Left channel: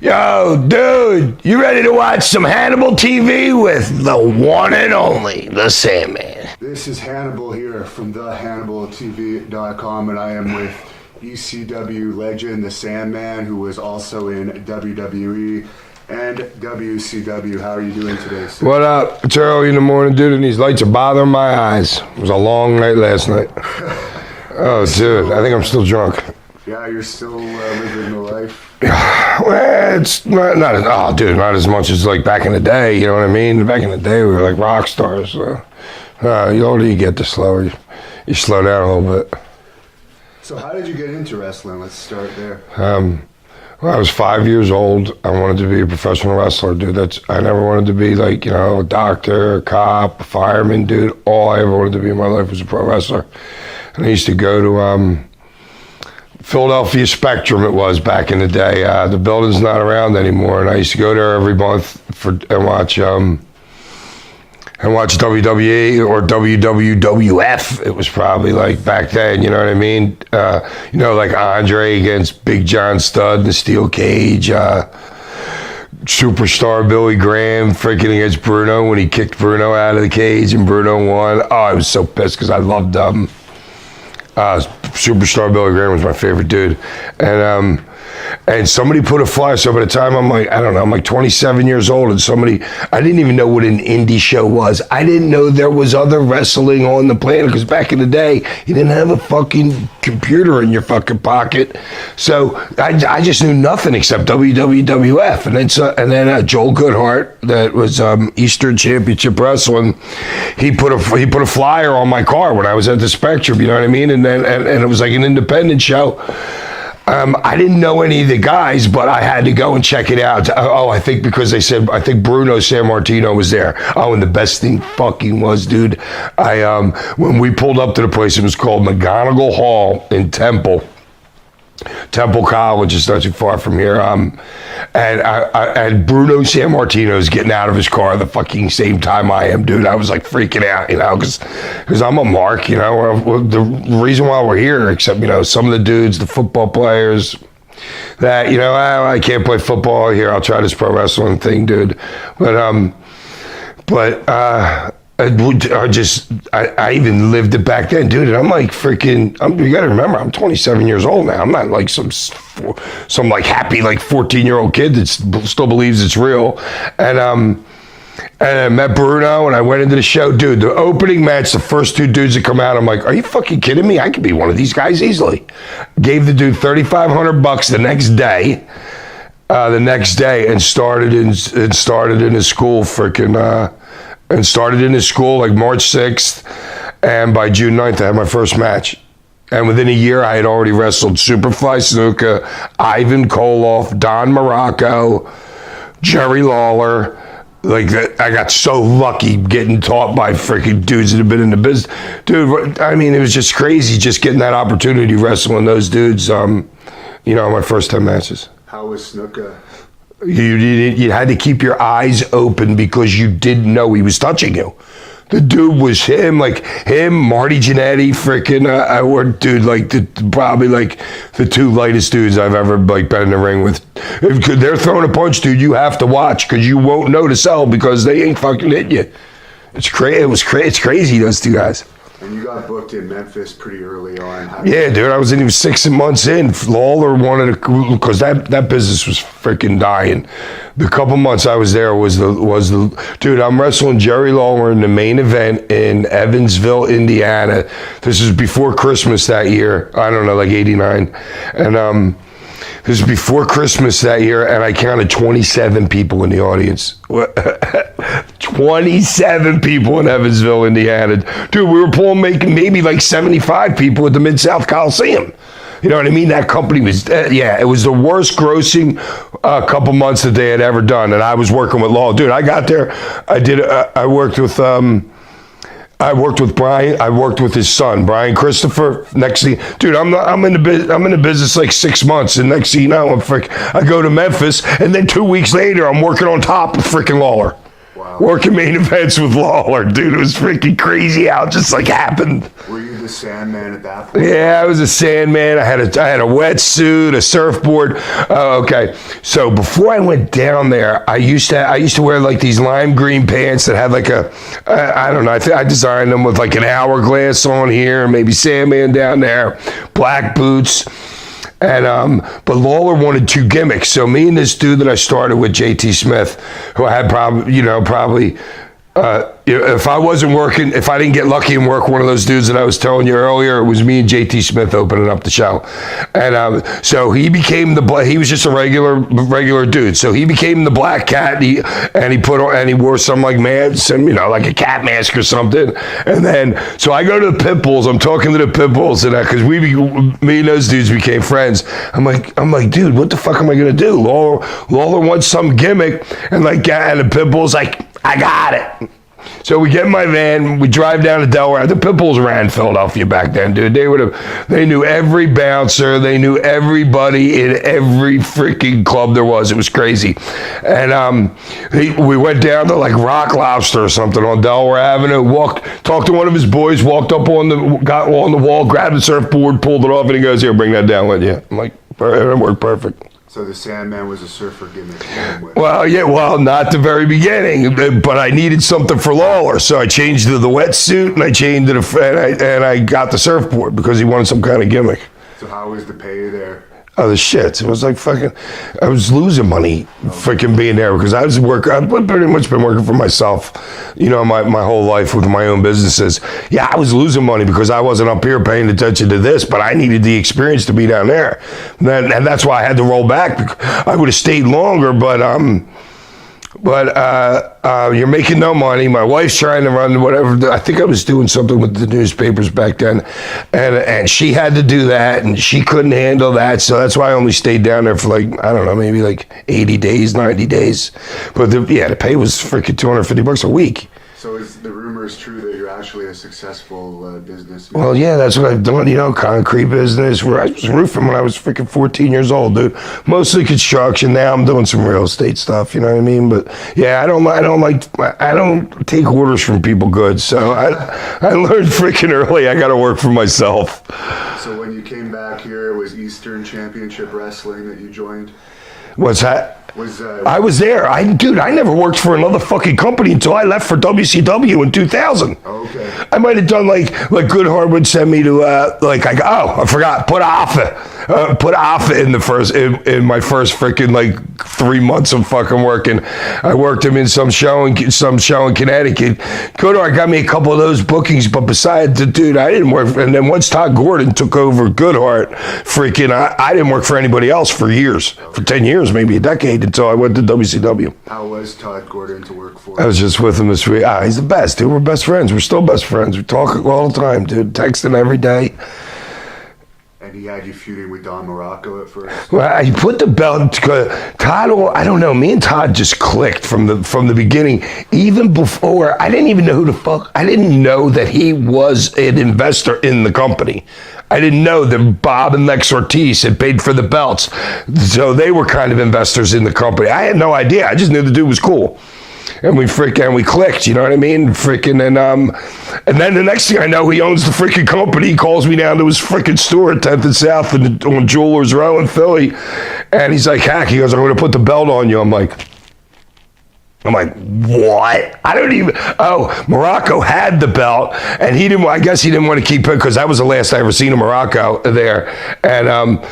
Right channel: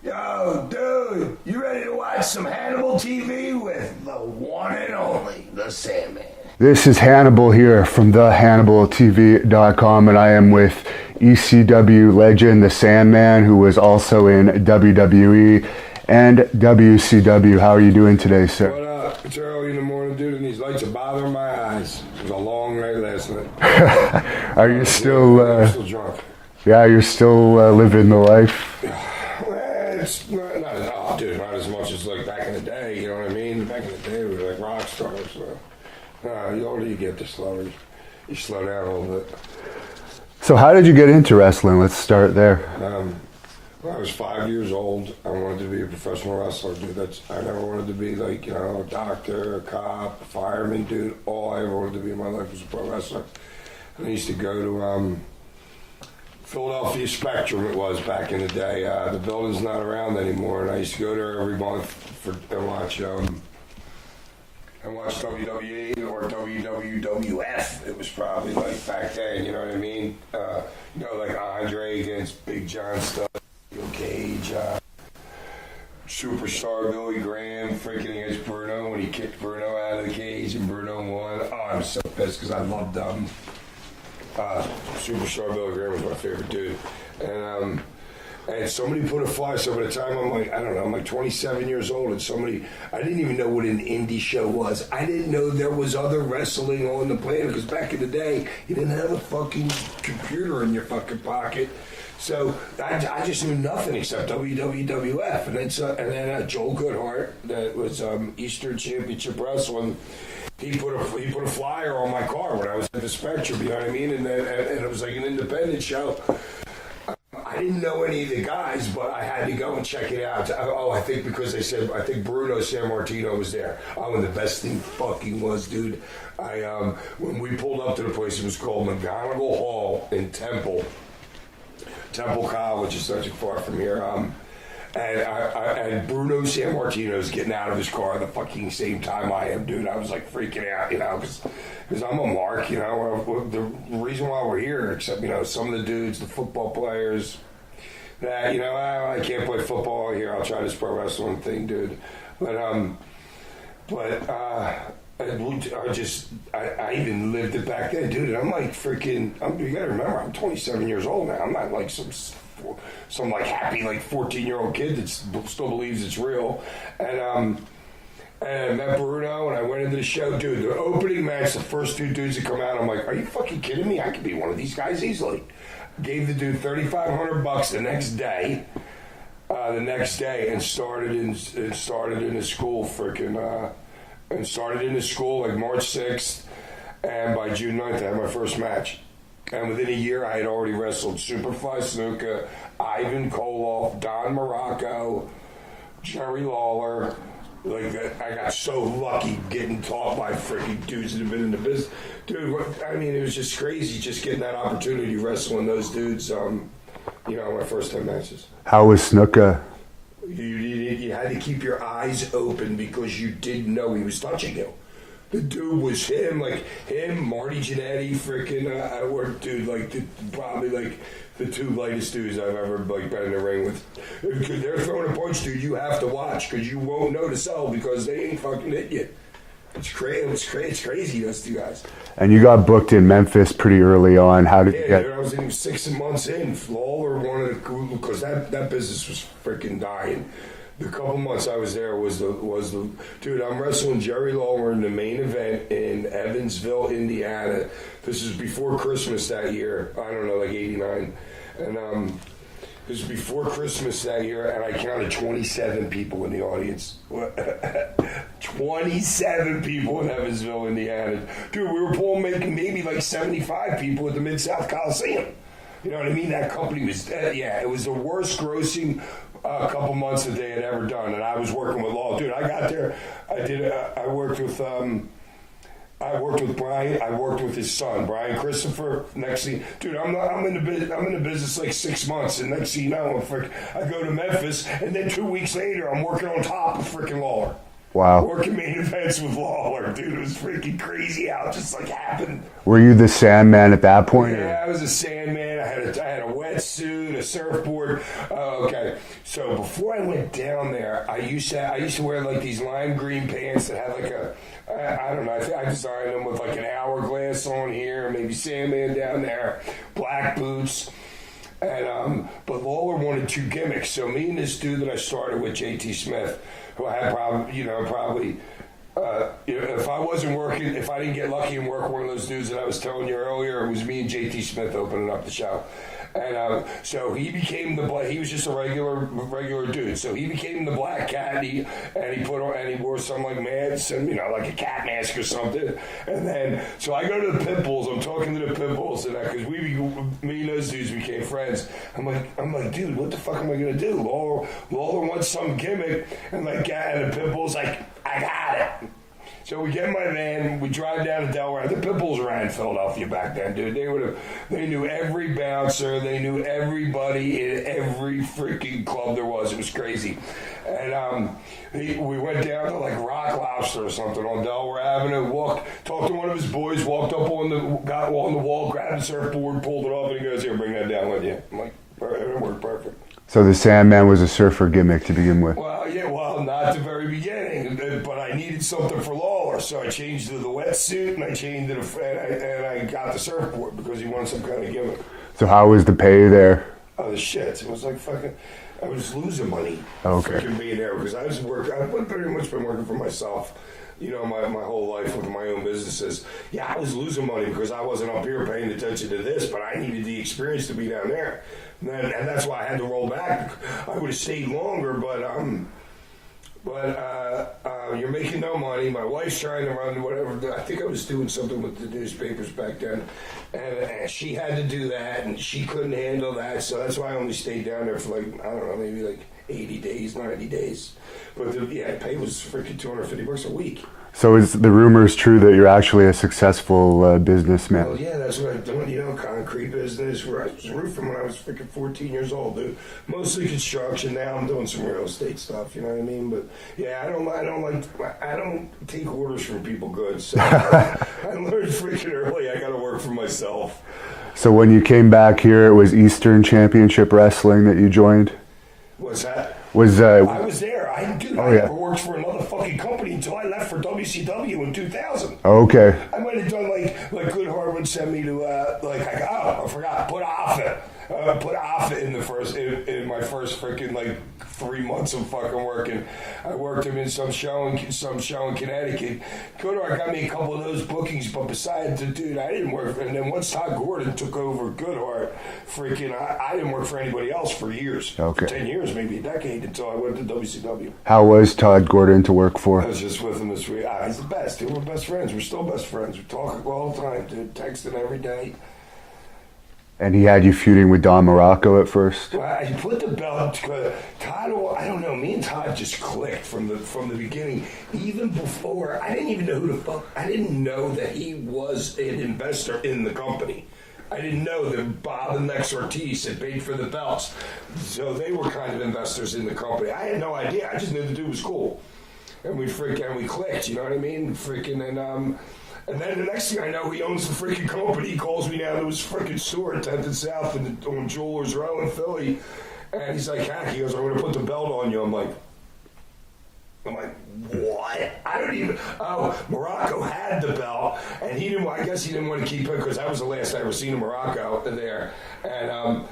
Yo, dude, you ready to watch some Hannibal TV with the one and only, the Sandman? This is Hannibal here from thehannibaltv.com, and I am with ECW legend, the Sandman, who was also in WWE and WCW. How are you doing today, sir? What up? It's early in the morning, dude, and these lights are bothering my eyes. It was a long night last night. Oh, dude, I think I'm still drunk. Yeah, you're still living the life. Well, it's not as much as like back in the day, you know what I mean? Back in the day, we were like rock stars. So, the older you get, the slower you slow down a little bit. So how did you get into wrestling? Let's start there. When I was 5 years old, I wanted to be a professional wrestler, dude. I never wanted to be like, a doctor, a cop, a fireman, dude. All I ever wanted to be in my life was a pro wrestler. And I used to go to Philadelphia Spectrum, it was back in the day. The building's not around anymore, and I used to go there every month and watch WWE or WWF. It was probably like back then, you know what I mean? Like Andre against Big John Studd in the steel cage. Superstar Billy Graham freaking against Bruno when he kicked Bruno out of the cage and Bruno won. Oh, I was so pissed because I loved Superstar Billy Graham was my favorite dude. And somebody put a flyer, so by the time I'm like 27 years old, and I didn't even know what an indie show was. I didn't know there was other wrestling on the planet, because back in the day, you didn't have a fucking computer in your fucking pocket. So I just knew nothing except WWF. And then Joel Goodhart, that was Eastern Championship Wrestling, he put a flyer on my car when I was at the Spectrum, you know what I mean? And it was like an independent show. I didn't know any of the guys, but I had to go and check it out. I think because they said, I think Bruno Sammartino was there. Oh, and the best thing fucking was, dude, when we pulled up to the place, it was called McGonigal Hall in Temple College, is not too far from here. And Bruno Sammartino's getting out of his car the fucking same time I am, dude. I was like freaking out, because I'm a mark, the reason why we're here, except, some of the dudes, the football players, that, I can't play football here, I'll try this pro wrestling thing, dude. I even lived it back then, dude. And I'm like you gotta remember, I'm 27 years old now. I'm not like some like happy like 14-year-old kid that still believes it's real. And I met Bruno and I went into the show, dude. The opening match, the first two dudes that come out, I'm like, are you fucking kidding me? I could be one of these guys easily. Gave the dude $3,500 the next day. And started in his school and started in his school like March 6th, and by June 9th I had my first match. And within a year I had already wrestled Superfly Snuka, Ivan Koloff, Don Morocco, Jerry Lawler. Like that, I got so lucky getting taught by freaking dudes that have been in the business. Dude, I mean, it was just crazy just getting that opportunity wrestling those dudes, my first 10 matches. How was Snuka? You had to keep your eyes open because you didn't know he was touching you. The dude was him, Marty Jannetty, probably like the two lightest dudes I've ever like been in the ring with. If they're throwing a punch, dude, you have to watch because you won't know to sell because they ain't fucking hitting you. It's crazy. It's crazy, those two guys. And you got booked in Memphis pretty early on. Dude, I was 6 months in. Lawler wanted to, because that business was freaking dying. The couple months I was there was the dude, I'm wrestling Jerry Lawler in the main event in Evansville, Indiana. This is before Christmas that year. I don't know, like 89. And this was before Christmas that year, and I counted 27 people in the audience. 27 people in Evansville, Indiana. Dude, we were making maybe like 75 people at the Mid-South Coliseum. You know what I mean? That company was, it was the worst grossing couple months that they had ever done. And I was working with Law. Dude, I got there, I worked with Brian. I worked with his son, Brian Christopher. Next thing, dude, I'm in the business like 6 months, and next thing you know, I go to Memphis, and then 2 weeks later, I'm working on top of freaking Lawler. Wow. Working main events with Lawler, dude. It was freaking crazy how it just like happened. Were you the Sandman at that point? Yeah, I was a Sandman. I had a wetsuit, a surfboard. Okay, so before I went down there, I used to wear like these lime green pants that had like I don't know. I designed them with like an hourglass on here, maybe Sandman down there, black boots. And but Lawler wanted 2 gimmicks, so me and this dude that I started with, JT Smith, who I had probably if I wasn't working, if I didn't get lucky and work one of those dudes that I was telling you earlier, it was me and JT Smith opening up the show. And so he became he was just a regular dude. So he became the Black Cat, and he wore some like like a cat mask or something. And then so I go to the Pitbulls. I'm talking to the Pitbulls, and because me and those dudes became friends. I'm like, dude, what the fuck am I gonna do? Lawler wants some gimmick, and the Pitbulls like, I got it. So we get in my van, we drive down to Delaware. The Pitbulls ran Philadelphia back then, dude. They knew every bouncer, they knew everybody in every freaking club there was. It was crazy. And we went down to like Rock Lobster or something on Delaware Avenue, talked to one of his boys, got on the wall, grabbed the surfboard, pulled it off, and he goes, here, bring that down with you. I'm like, it worked perfect. So the Sandman was a surfer gimmick to begin with. Well, not the very beginning, but I needed something for Lawler, so I changed to the wetsuit, and I changed and I got the surfboard because he wanted some kind of gimmick. So how was the pay there? Oh, the shit. It was like I was losing money freaking being there because I've pretty much been working for myself, my whole life with my own businesses. Yeah, I was losing money because I wasn't up here paying attention to this, but I needed the experience to be down there. And that's why I had to roll back. I would have stayed longer, but you're making no money. My wife's trying to run whatever. I think I was doing something with the newspapers back then, and she had to do that, and she couldn't handle that. So that's why I only stayed down there for like, I don't know, maybe like 80 days, 90 days. But the pay was freaking $250 a week. So is the rumors true that you're actually a successful businessman? Well, yeah, that's what I've done, concrete business. I was roofing when I was freaking 14 years old, dude. Mostly construction. Now I'm doing some real estate stuff, you know what I mean? But yeah, I don't take orders from people good. So I learned freaking early I got to work for myself. So when you came back here, it was Eastern Championship Wrestling that you joined? What's that? I was there. I never worked for another fucking company until I left for WCW in 2000. Okay. I might have done like Goodhart would send me to I forgot, put Alpha in in my first freaking like 3 months of fucking working. I worked him in some show in Connecticut. Goodhart got me a couple of those bookings, but besides the dude, I didn't work. And then once Todd Gordon took over Goodhart, I didn't work for anybody else for years, for 10 years, maybe a decade, until I went to WCW. How was Todd Gordon to work for? I was just with him this week. He's the best, dude. We're best friends. We're still best friends. We talk all the time, dude. Texting every day. And he had you feuding with Don Morocco at first? Well, he put the belt, Todd, I don't know, me and Todd just clicked from the beginning. Even before, I didn't even know who the fuck, I didn't know that he was an investor in the company. I didn't know that Bob and Lex Ortiz had paid for the belts. So they were kind of investors in the company. I had no idea. I just knew the dude was cool. And we clicked, you know what I mean? And then the next thing I know, he owns the freaking company. He calls me down to his freaking store at 10th and South on Jewelers Row in Philly. And he's like, Hack, he goes, I'm going to put the belt on you. I'm like, what? Morocco had the belt, and I guess he didn't want to keep it because that was the last I ever seen of Morocco there. And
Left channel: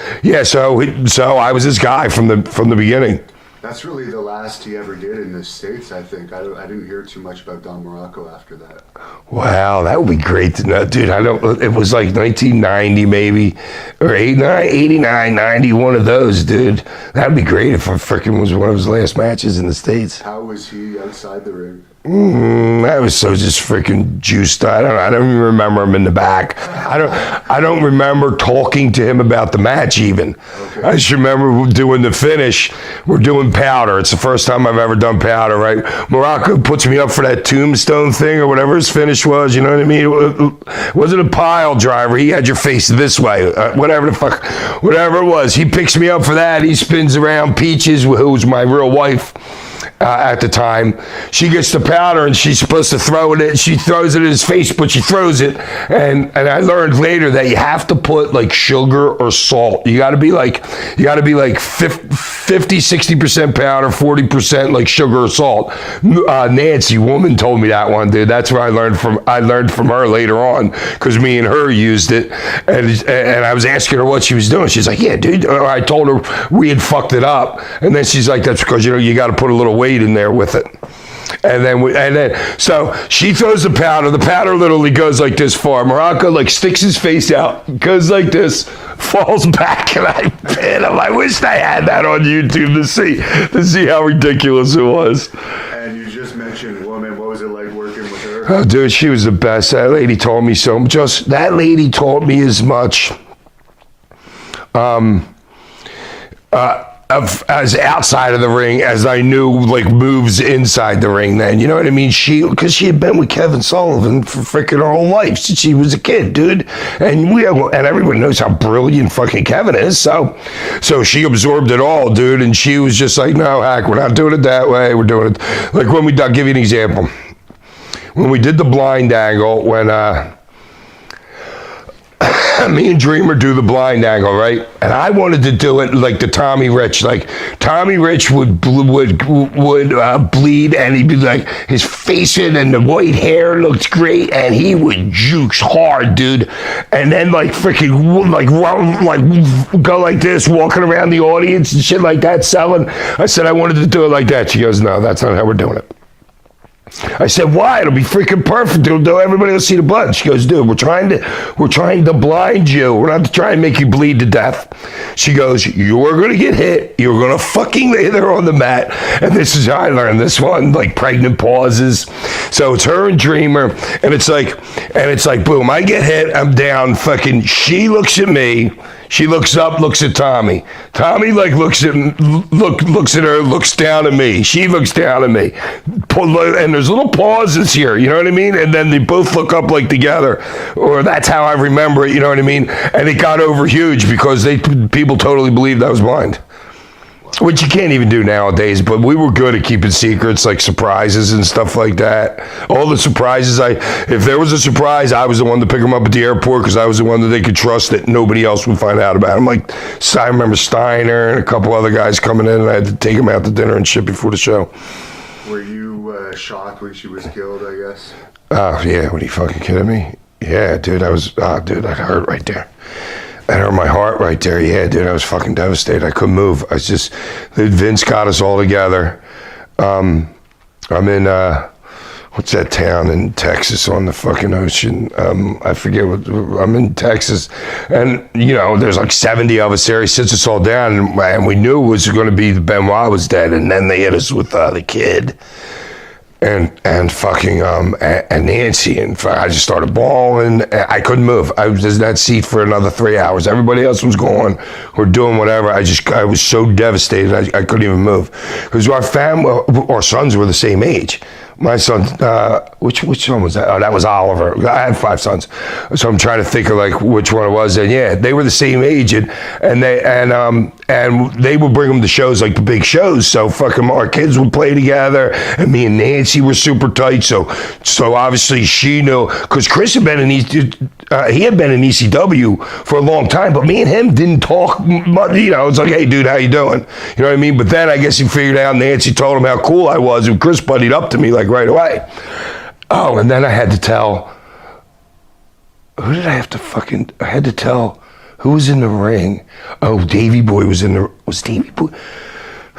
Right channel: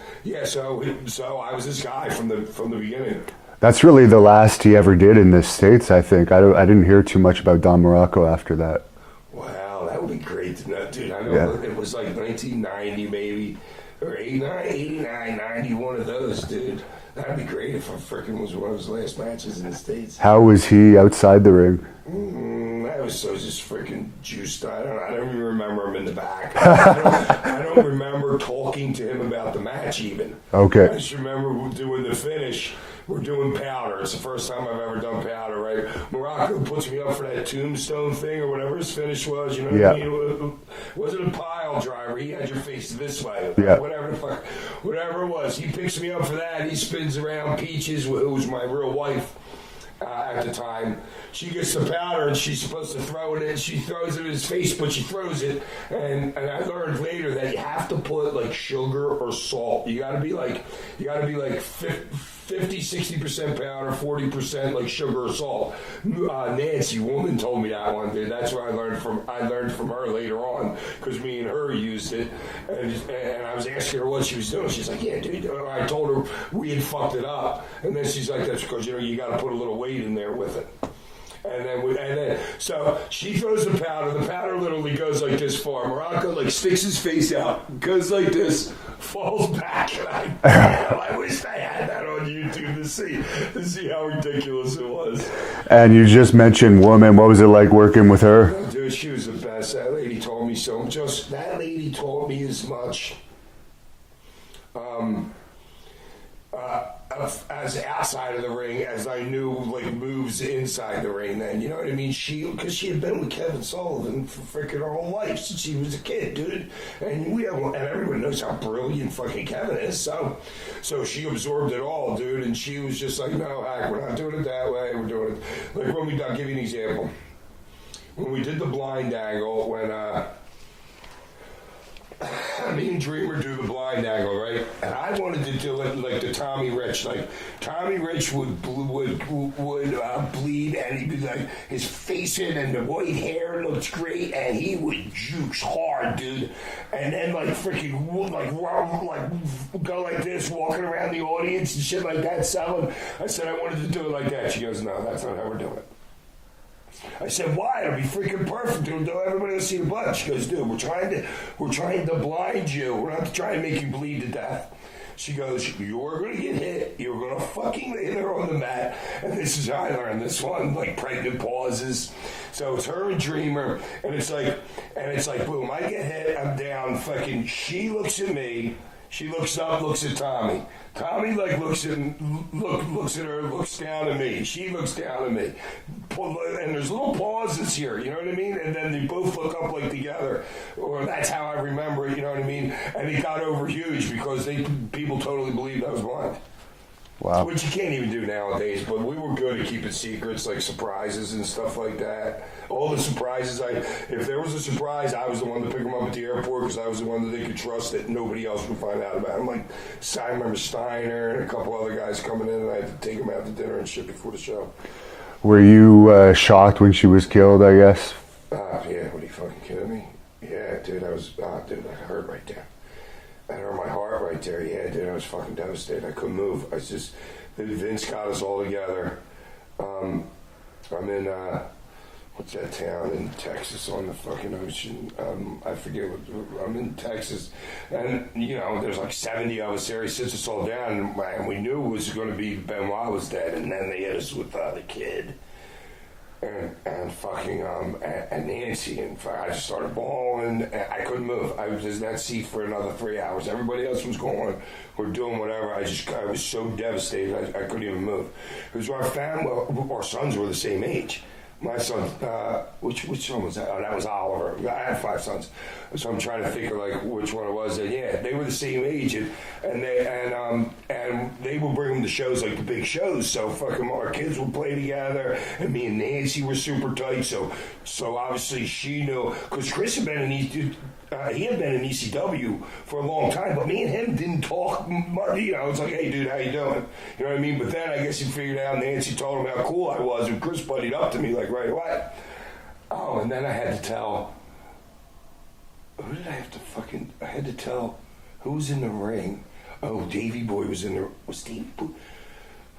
so I was this guy from the beginning. That's really the last he ever did in the States, I think. I didn't hear too much about Don Morocco after that. Wow, that would be great to know. Dude, it was like 1990 maybe, or 89, 90, one of those, dude. That'd be great if I freaking was one of his last matches in the States. How was he outside the ring? I was so just freaking juiced. I don't even remember him in the back. I don't remember talking to him about the match even. Okay. I just remember doing the finish. We're doing powder. It's the first time I've ever done powder, right? Morocco puts me up for that tombstone thing or whatever his finish was, you know what I mean? It wasn't a pile driver. He had your face this way. Whatever it was. He picks me up for that. He spins around Peaches, who's my real wife. at the time. She gets the powder and she's supposed to throw it in. She throws it in his face, but she throws it. And I learned later that you have to put like sugar or salt. You got to be like 50, 60% powder, 40% like sugar or salt. Nancy, woman, told me that one, dude. That's where I learned from her later on, because me and her used it. And I was asking her what she was doing. She's like, yeah, dude. I told her we had fucked it up. And then she's like, that's because, you got to put a little weight in there with it. And then so she throws the powder. The powder literally goes like this far. Morocco like sticks his face out, goes like this, falls back, and I wished I had that on YouTube to see how ridiculous it was. And you just mentioned woman. What was it like working with her? Oh, dude, she was the best. That lady taught me so much. That lady taught me as much. As outside of the ring as I knew, like, moves inside the ring then, you know what I mean? Because she had been with Kevin Sullivan for freaking her whole life since she was a kid, dude. And everyone knows how brilliant fucking Kevin is, so she absorbed it all, dude, and she was just like, no, Hack, we're not doing it that way, we're doing it, like when I'll give you an example. When we did the blind angle, when, me and Dreamer do the blind angle, right? And I wanted to do it like the Tommy Rich. Like Tommy Rich would bleed, and he'd be like, his face in and the white hair looked great, and he would juke hard, dude. And then like freaking like go like this, walking around the audience and shit like that, selling. I said I wanted to do it like that. She goes, no, that's not how we're doing it. I said, why? It'll be freaking perfect. Everybody will see the blood. She goes, dude, we're trying to blind you. We're not trying to make you bleed to death. She goes, you're going to get hit. You're going to fucking lay there on the mat. And this is how I learned this one, like pregnant pauses. So it's her and Dreamer. And it's like, boom, I get hit. I'm down. Fucking, she looks at me. She looks up, looks at Tommy. Tommy like looks at her, looks down at me. She looks down at me. And there's little pauses here, you know what I mean? And then they both look up like together, or that's how I remember it, you know what I mean? And it got over huge because people totally believed I was blind. Wow. Which you can't even do nowadays, but we were good at keeping secrets, like surprises and stuff like that. All the surprises, if there was a surprise, I was the one to pick them up at the airport because I was the one that they could trust that nobody else would find out about. I remember Steiner and a couple other guys coming in, and I had to take them out to dinner and shit before the show. Were you shocked when she was killed, I guess? Oh, yeah, what are you fucking kidding me? Yeah, dude, that hurt right there. That hurt my heart right there. Yeah, dude, I was fucking devastated. I couldn't move. Vince got us all together. I'm in, what's that town in Texas on the fucking ocean? I forget I'm in Texas. And, there's like 70 of us there. He sits us all down, and we knew it was going to be Benoit was dead. And then they hit us with the kid. And fucking and Nancy, and I just started bawling. I couldn't move. I was in that seat for another 3 hours. Everybody else was going or doing whatever. I was so devastated. I couldn't even move because our sons were the same age. My son, which son was that? Oh, that was Oliver. I had 5 sons, so I'm trying to think of like which one it was. And yeah, they were the same age, and they would bring them to shows, like the big shows. So fucking our kids would play together, and me and Nancy were super tight. So obviously she knew, because Chris had been in ECW for a long time, but me and him didn't talk much. It's like, hey dude, how you doing? You know what I mean? But then I guess he figured out. Nancy told him how cool I was, and Chris buddied up to me like right away. Oh, and then I had to tell. Who did I have to fucking? I had to tell who was in the ring. Oh, Davey Boy was in the. Was Davey Boy?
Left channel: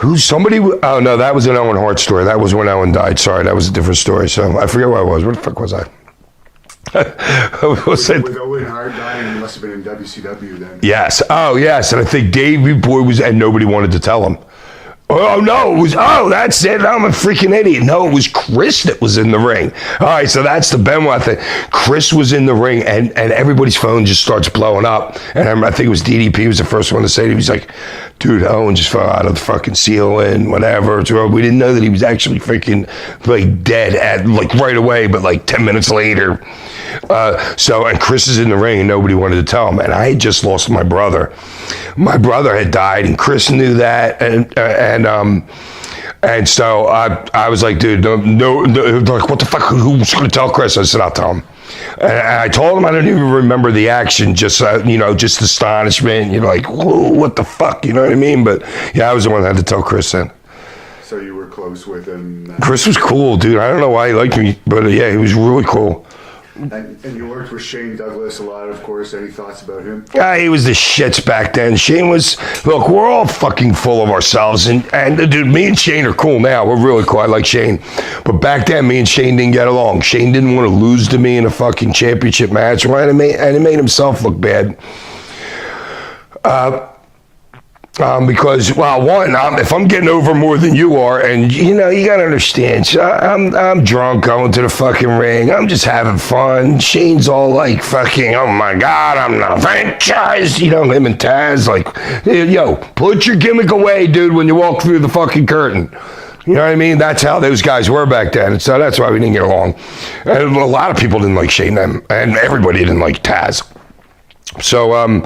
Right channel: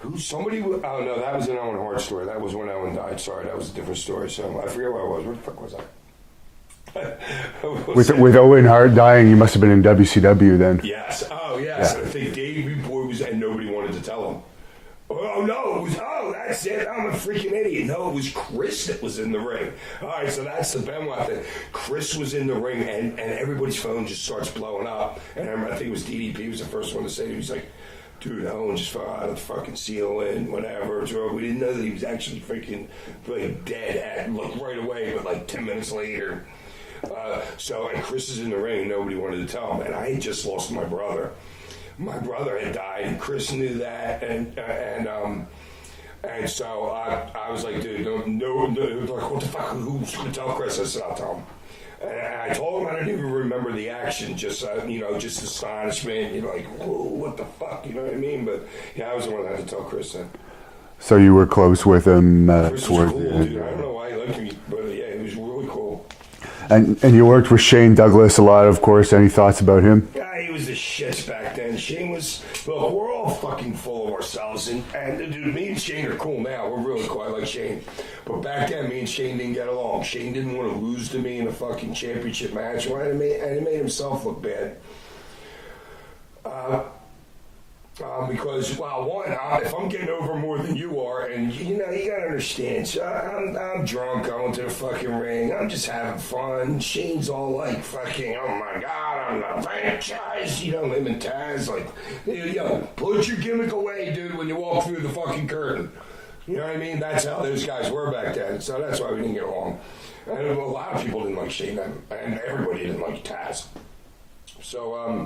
Oh no, that was an Owen Hart story. That was when Owen died. Sorry, that was a different story. So I forget where I was. Where the fuck was I? With Owen Hart dying, you must have been in WCW then. Yes. Oh yes, and I think Davey Boy was, and nobody wanted to tell him. Oh, no, that's it. I'm a freaking idiot. No, it was Chris that was in the ring. All right, so that's the Benoit thing. Chris was in the ring, and everybody's phone just starts blowing up. And I think it was DDP was the first one to say it. He was like, dude, Owen just fell out of the fucking ceiling, whatever. We didn't know that he was actually freaking, like, dead at, like, right away, but, like, 10 minutes later. And Chris is in the ring, and nobody wanted to tell him. And I had just lost my brother. My brother had died, and Chris knew that, And so I was like, dude, no, like, what the fuck? Who's going to tell Chris? I said, I'll tell him. And I told him I don't even remember the action, just just astonishment. You're like, whoa, what the fuck? You know what I mean? But yeah, I was the one that had to tell Chris then. So you were close with him. Chris was cool, dude. I don't know why he liked me, but yeah, he was really cool. And you worked with Shane Douglas a lot, of course. Any thoughts about him? Yeah, he was the shits back then. Shane was, look, we're all fucking full of ourselves. And dude, me and Shane are cool now. We're really cool. I like Shane. But back then, me and Shane didn't get along. Shane didn't want to lose to me in a fucking championship match. And it made himself look bad. Because, well, one, if I'm getting over more than you are, and you got to understand, so I'm drunk going to the fucking ring. I'm just having fun. Shane's all like fucking, oh my God, I'm not franchised. Him and Taz, like, yo, put your gimmick away, dude, when you walk through the fucking curtain. You know what I mean? That's how those guys were back then. So that's why we didn't get along. And a lot of people didn't like Shane, and everybody didn't like Taz. So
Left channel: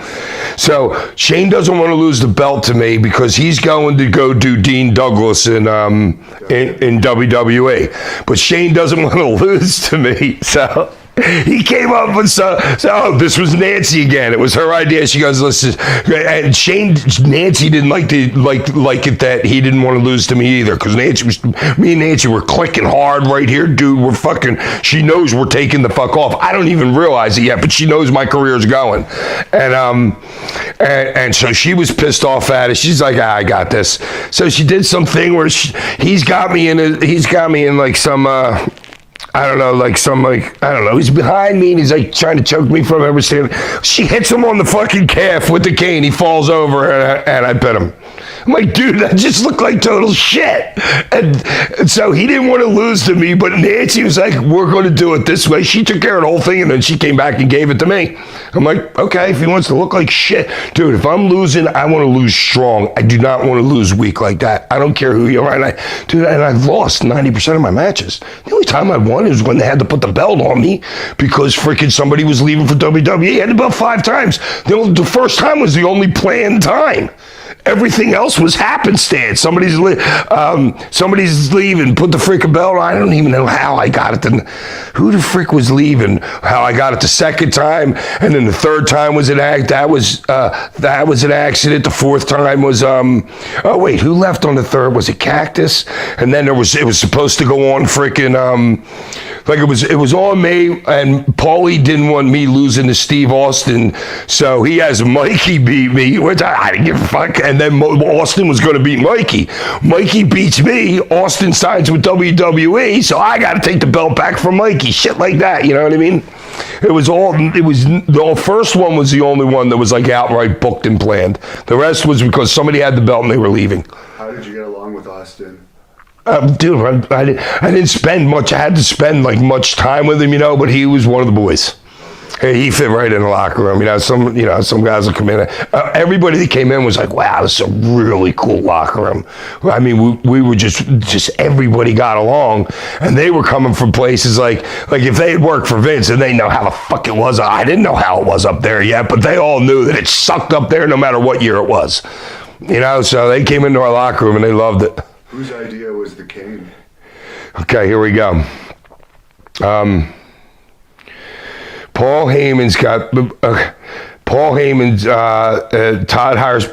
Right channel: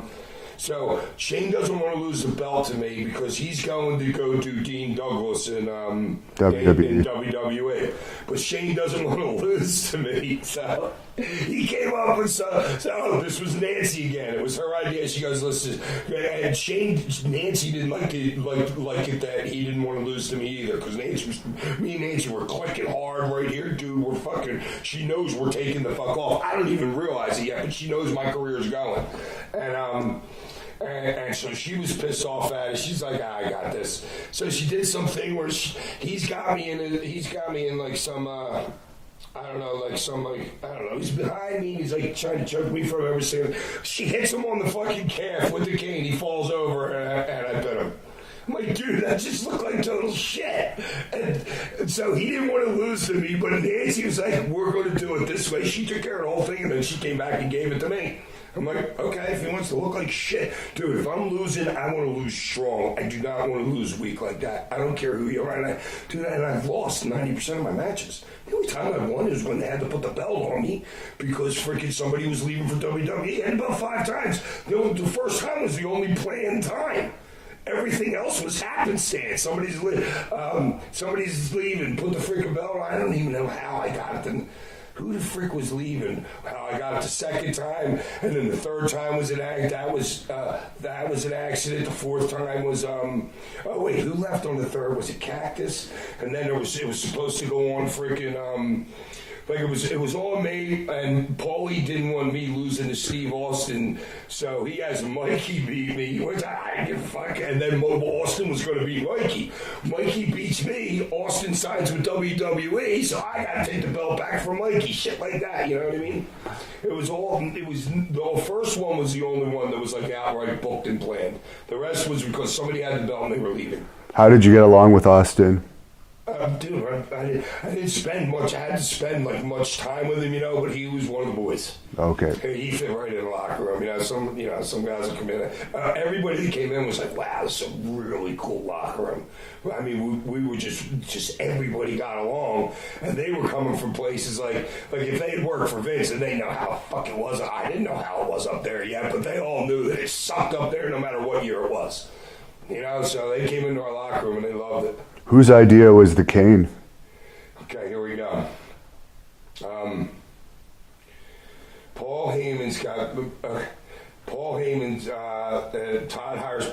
Shane doesn't want to lose the belt to me because he's going to go do Dean Douglas in WWE. But Shane doesn't want to lose to me, so he came up with this was Nancy again. It was her idea. She goes, listen, and Nancy didn't like it that he didn't want to lose to me either, because me and Nancy were clicking hard right here, dude. We're fucking. She knows we're taking the fuck off. I don't even realize it yet, but she knows my career's going, and so she was pissed off at it. She's like, I got this. So she did something where he's got me in like some. I don't know, he's behind me and he's like trying to choke me from everything. She hits him on the fucking calf with the cane. He falls over and I pet him. I'm like, dude, that just looked like total shit. And so he didn't want to lose to me, but Nancy was like, we're going to do it this way. She took care of the whole thing, and then she came back and gave it to me. I'm like, okay, if he wants to look like shit. Dude, if I'm losing, I want to lose strong. I do not want to lose weak like that. I don't care who you are. And I've lost 90% of my matches. The only time I won is when they had to put the belt on me because freaking somebody was leaving for WWE. I had the belt 5 times. The first time was the only planned time. Everything else was happenstance. Somebody's leaving, put the freaking belt on. I don't even know how I got it. Who the frick was leaving? How I got it the second time, and then the third time was an act. That was an accident. The fourth time was oh wait, who left on the third? Was it Cactus? And then it was supposed to go on freaking like it was on me, and Paulie didn't want me losing to Steve Austin, so he has Mikey beat me, which I didn't give a fuck, and then Austin was going to beat Mikey. Mikey beats me, Austin signs with WWE, so I got to take the belt back from Mikey, shit like that, you know what I mean? The first one was the only one that was like outright booked and planned. The rest was because somebody had the belt and they were leaving. How did you get along with Austin? Dude, I didn't spend much. I had to spend like much time with him, but he was one of the boys. Okay. He fit right in the locker room. Some guys will come in. Everybody that came in was like, wow, this is a really cool locker room. I mean, we were just everybody got along, and they were coming from places like if they had worked for Vince and they know how the fuck it was. I didn't know how it was up there yet, but they all knew that it sucked up there no matter what year it was. So they came into our locker room and they loved it. Whose idea was the cane? Okay, here we go. Paul Heyman's got Paul Heyman's. Todd hires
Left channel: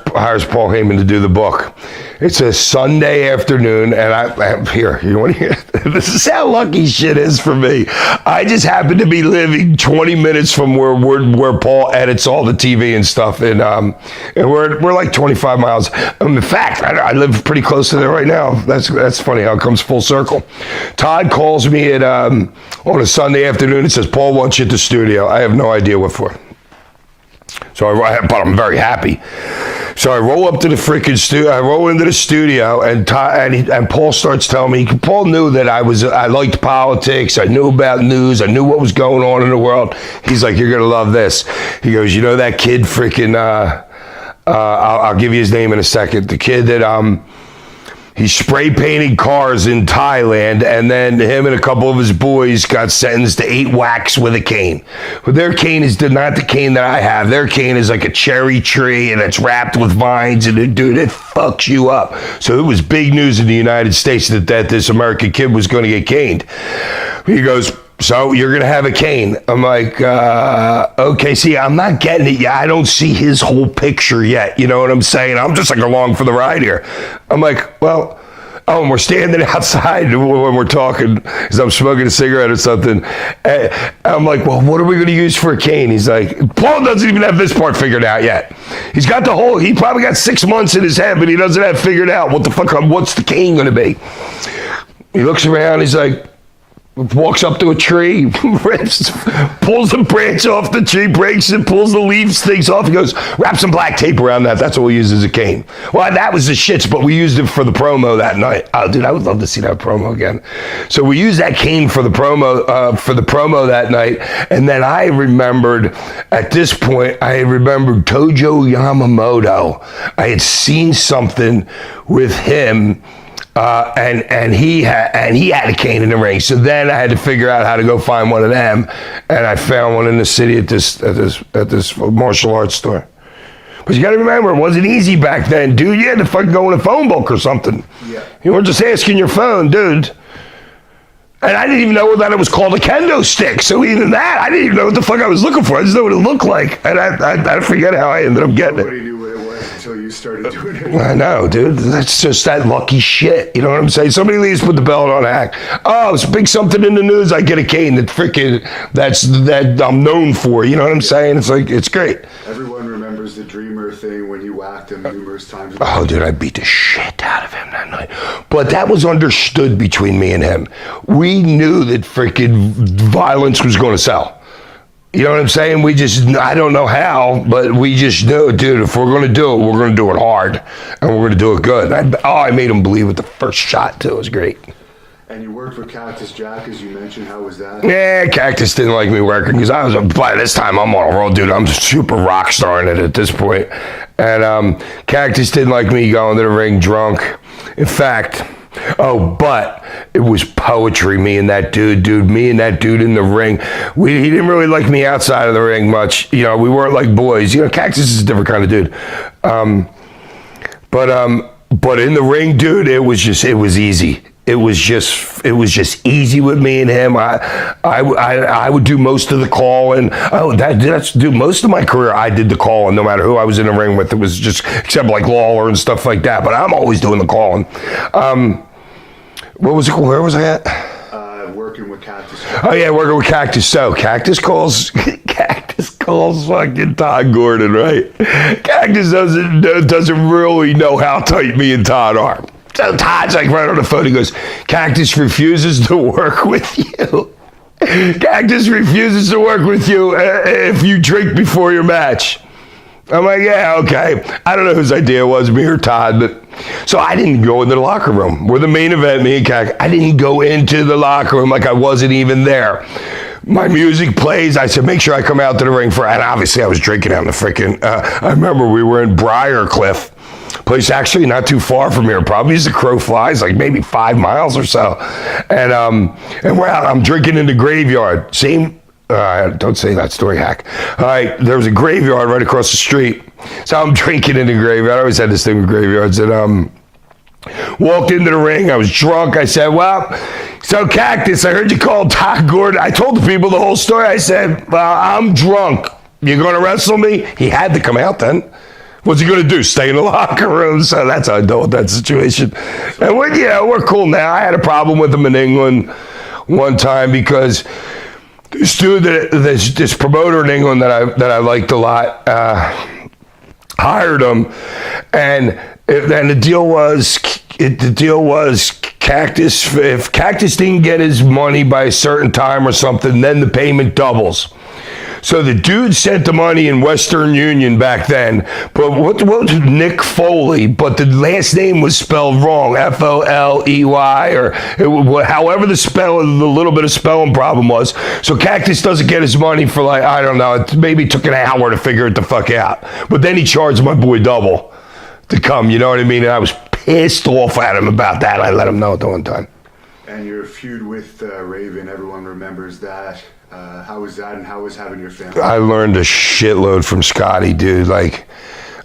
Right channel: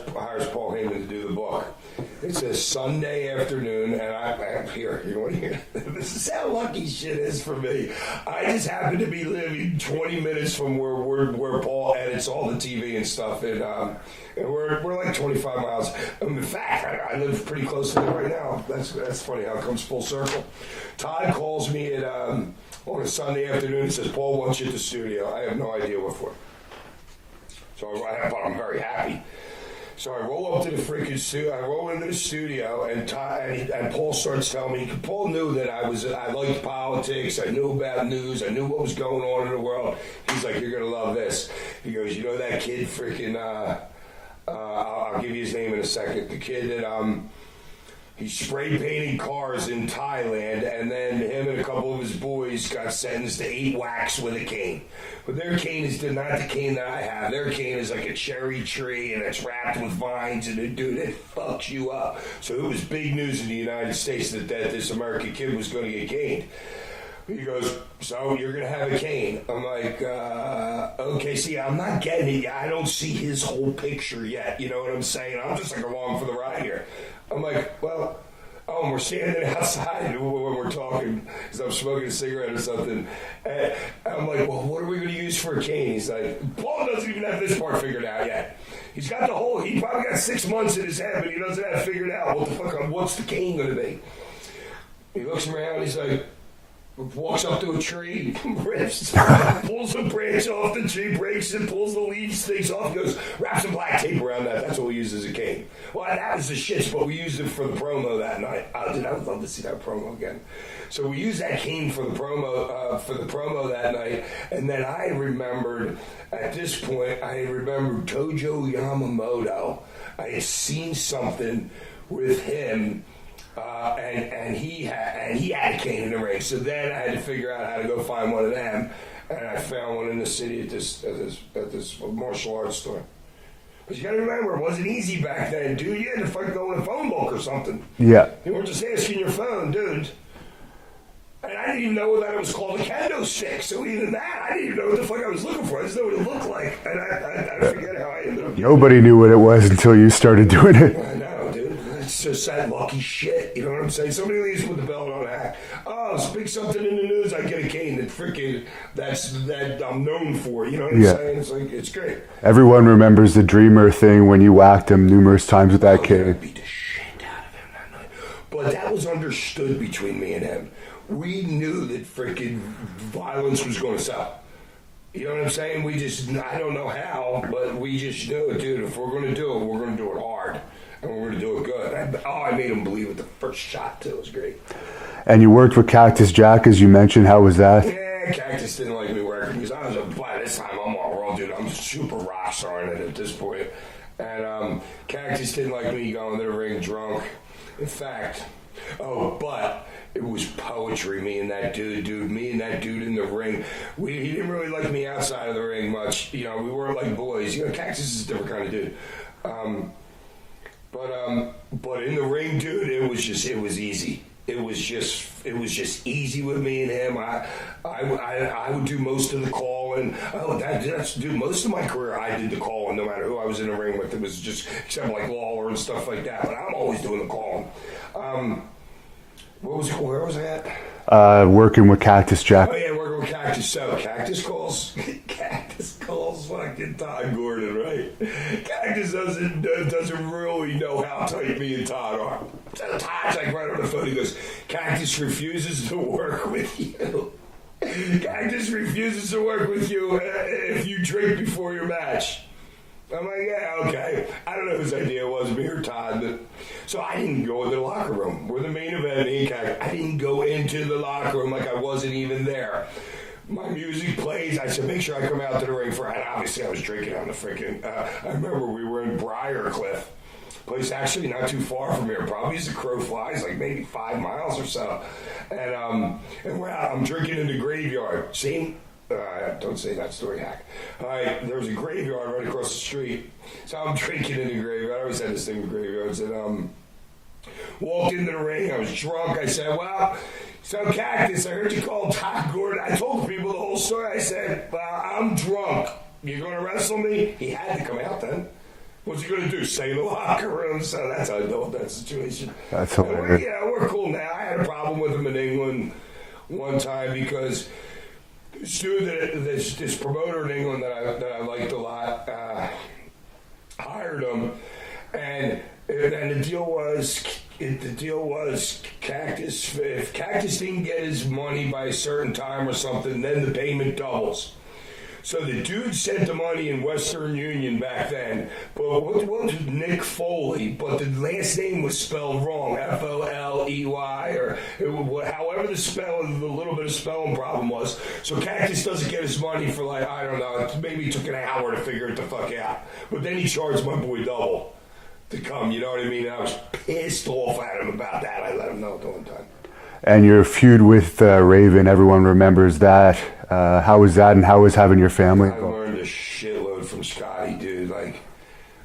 Paul Heyman to do the book. It's a Sunday afternoon, and I'm here. You want to hear? This is how lucky shit is for me. I just happen to be living 20 minutes from where Paul edits all the TV and stuff, and we're like 25 miles. In fact, I live pretty close to there right now. That's funny how it comes full circle. Todd calls me on a Sunday afternoon and says, Paul wants you at the studio. I have no idea what for. But I'm very happy. So I roll up to the freaking studio. I roll into the studio, and Paul starts telling me. Paul knew that I liked politics. I knew about news. I knew what was going on in the world. He's like, "You're gonna love this." He goes, "You know that kid freaking? I'll give you his name in a second. The kid that He spray painted cars in Thailand, and then him and a couple of his boys got sentenced to 8 whacks with a cane. But their cane is not the cane that I have. Their cane is like a cherry tree, and it's wrapped with vines, and it fucks you up. So it was big news in the United States that this American kid was going to get caned. He goes, so you're going to have a cane. I'm like, okay, see, I'm not getting it yet. I don't see his whole picture yet. You know what I'm saying? I'm just like along for the ride here. I'm like, well, and we're standing outside when we're talking because I'm smoking a cigarette or something. And I'm like, well, what are we going to use for a cane? He's like, Paul doesn't even have this part figured out yet. He's got he probably got 6 months in his head, but he doesn't have figured out what's the cane going to be. He looks around, he's like, walks up to a tree, rips, pulls the branch off the tree, breaks it, pulls the leaves, things off. He goes, wrap some black tape around that. That's what we use as a cane. Well, that was the shits, but we used it for the promo that night. Oh, dude, I would love to see that promo again. So we used that cane for the promo that night. And then I remembered, at this point, Tojo Yamamoto. I had seen something with him. And he had a cane in the ring. So then I had to figure out how to go find one of them, and I found one in the city at this martial arts store. But you got to remember, it wasn't easy back then, dude. You had to fucking go in a phone book or something. Yeah, you weren't just asking your phone, dude. And I didn't even know that it was called a kendo stick. So even that, I didn't even know what the fuck I was looking for. I just know what it looked like. And I forget how I ended up getting Nobody knew what it was until you started doing it. I know, dude. That's just that lucky shit. You know what I'm saying? Somebody leaves, put the belt on, hack. Oh, it's big something in the news. I get a cane that I'm known for. You know what I'm saying? It's like, it's great. Everyone remembers the Dreamer thing when you whacked him numerous times. Oh, dude, I beat the shit out of him that night. But that was understood between me and him. We knew that freaking violence was going to sell. You know what I'm saying? I don't know how, but we just knew, dude, if we're going to do it, we're going to do it hard, and we're going to do it good. I made him believe with the first shot, too. It was great. And you worked with Cactus Jack, as you mentioned. How was that? Yeah, Cactus didn't like me working because by this time, I'm on a roll, dude. I'm super rock starring it at this point. And Cactus didn't like me going to the ring drunk. In fact, but it was poetry, me and that dude in the ring. He didn't really like me outside of the ring much. You know, we weren't like boys. You know, Cactus is a different kind of dude. But in the ring, dude, it was easy. It was just easy with me and him. I would do most of the calling. That's most of my career. I did the calling, no matter who I was in the ring with. It was just except like Lawler and stuff like that. But I'm always doing the calling. What was it? Where was I at? Working with Cactus Jack. Oh yeah, working with Cactus. So Cactus calls fucking Todd Gordon, right? Cactus doesn't really know how tight me and Todd are. So Todd's like right on the phone. He goes, Cactus refuses to work with you. Cactus refuses to work with you if you drink before your match. I'm like, yeah, okay. I don't know whose idea it was, me or Todd, but so I didn't go into the locker room. We're the main event, me and Cactus. I didn't go into the locker room like I wasn't even there. My music plays. I said, make sure I come out to the ring and obviously I was drinking on the freaking, I remember we were in Briarcliff. Place actually not too far from here, probably as the crow flies, like maybe 5 miles or so. And we're out. I'm drinking in the graveyard. Don't say that story, hack. All right, there was a graveyard right across the street. So I'm drinking in the graveyard. I always had this thing with graveyards. And walked into the ring. I was drunk. I said, well, so Cactus, I heard you call Todd Gordon. I told the people the whole story. I said, well, I'm drunk. You're going to wrestle me? He had to come out then. What's he going to do? Stay in the locker room? So that's how I dealt with that situation. And we're cool now. I had a problem with him in England one time because this dude, this promoter in England that I liked a lot, hired him, and the deal was Cactus. If Cactus didn't get his money by a certain time or something, then the payment doubles. So the dude sent the money in Western Union back then, but what was Nick Foley, but the last name was spelled wrong, Foley, or however the little bit of spelling problem was. So Cactus doesn't get his money for like, I don't know, it maybe took an hour to figure it the fuck out. But then he charged my boy double to come, you know what I mean? And I was pissed off at him about that. I let him know at the one time. And your feud with Raven, everyone remembers that. How was that, and how was having your family? I learned a shitload from Scotty, dude. Like,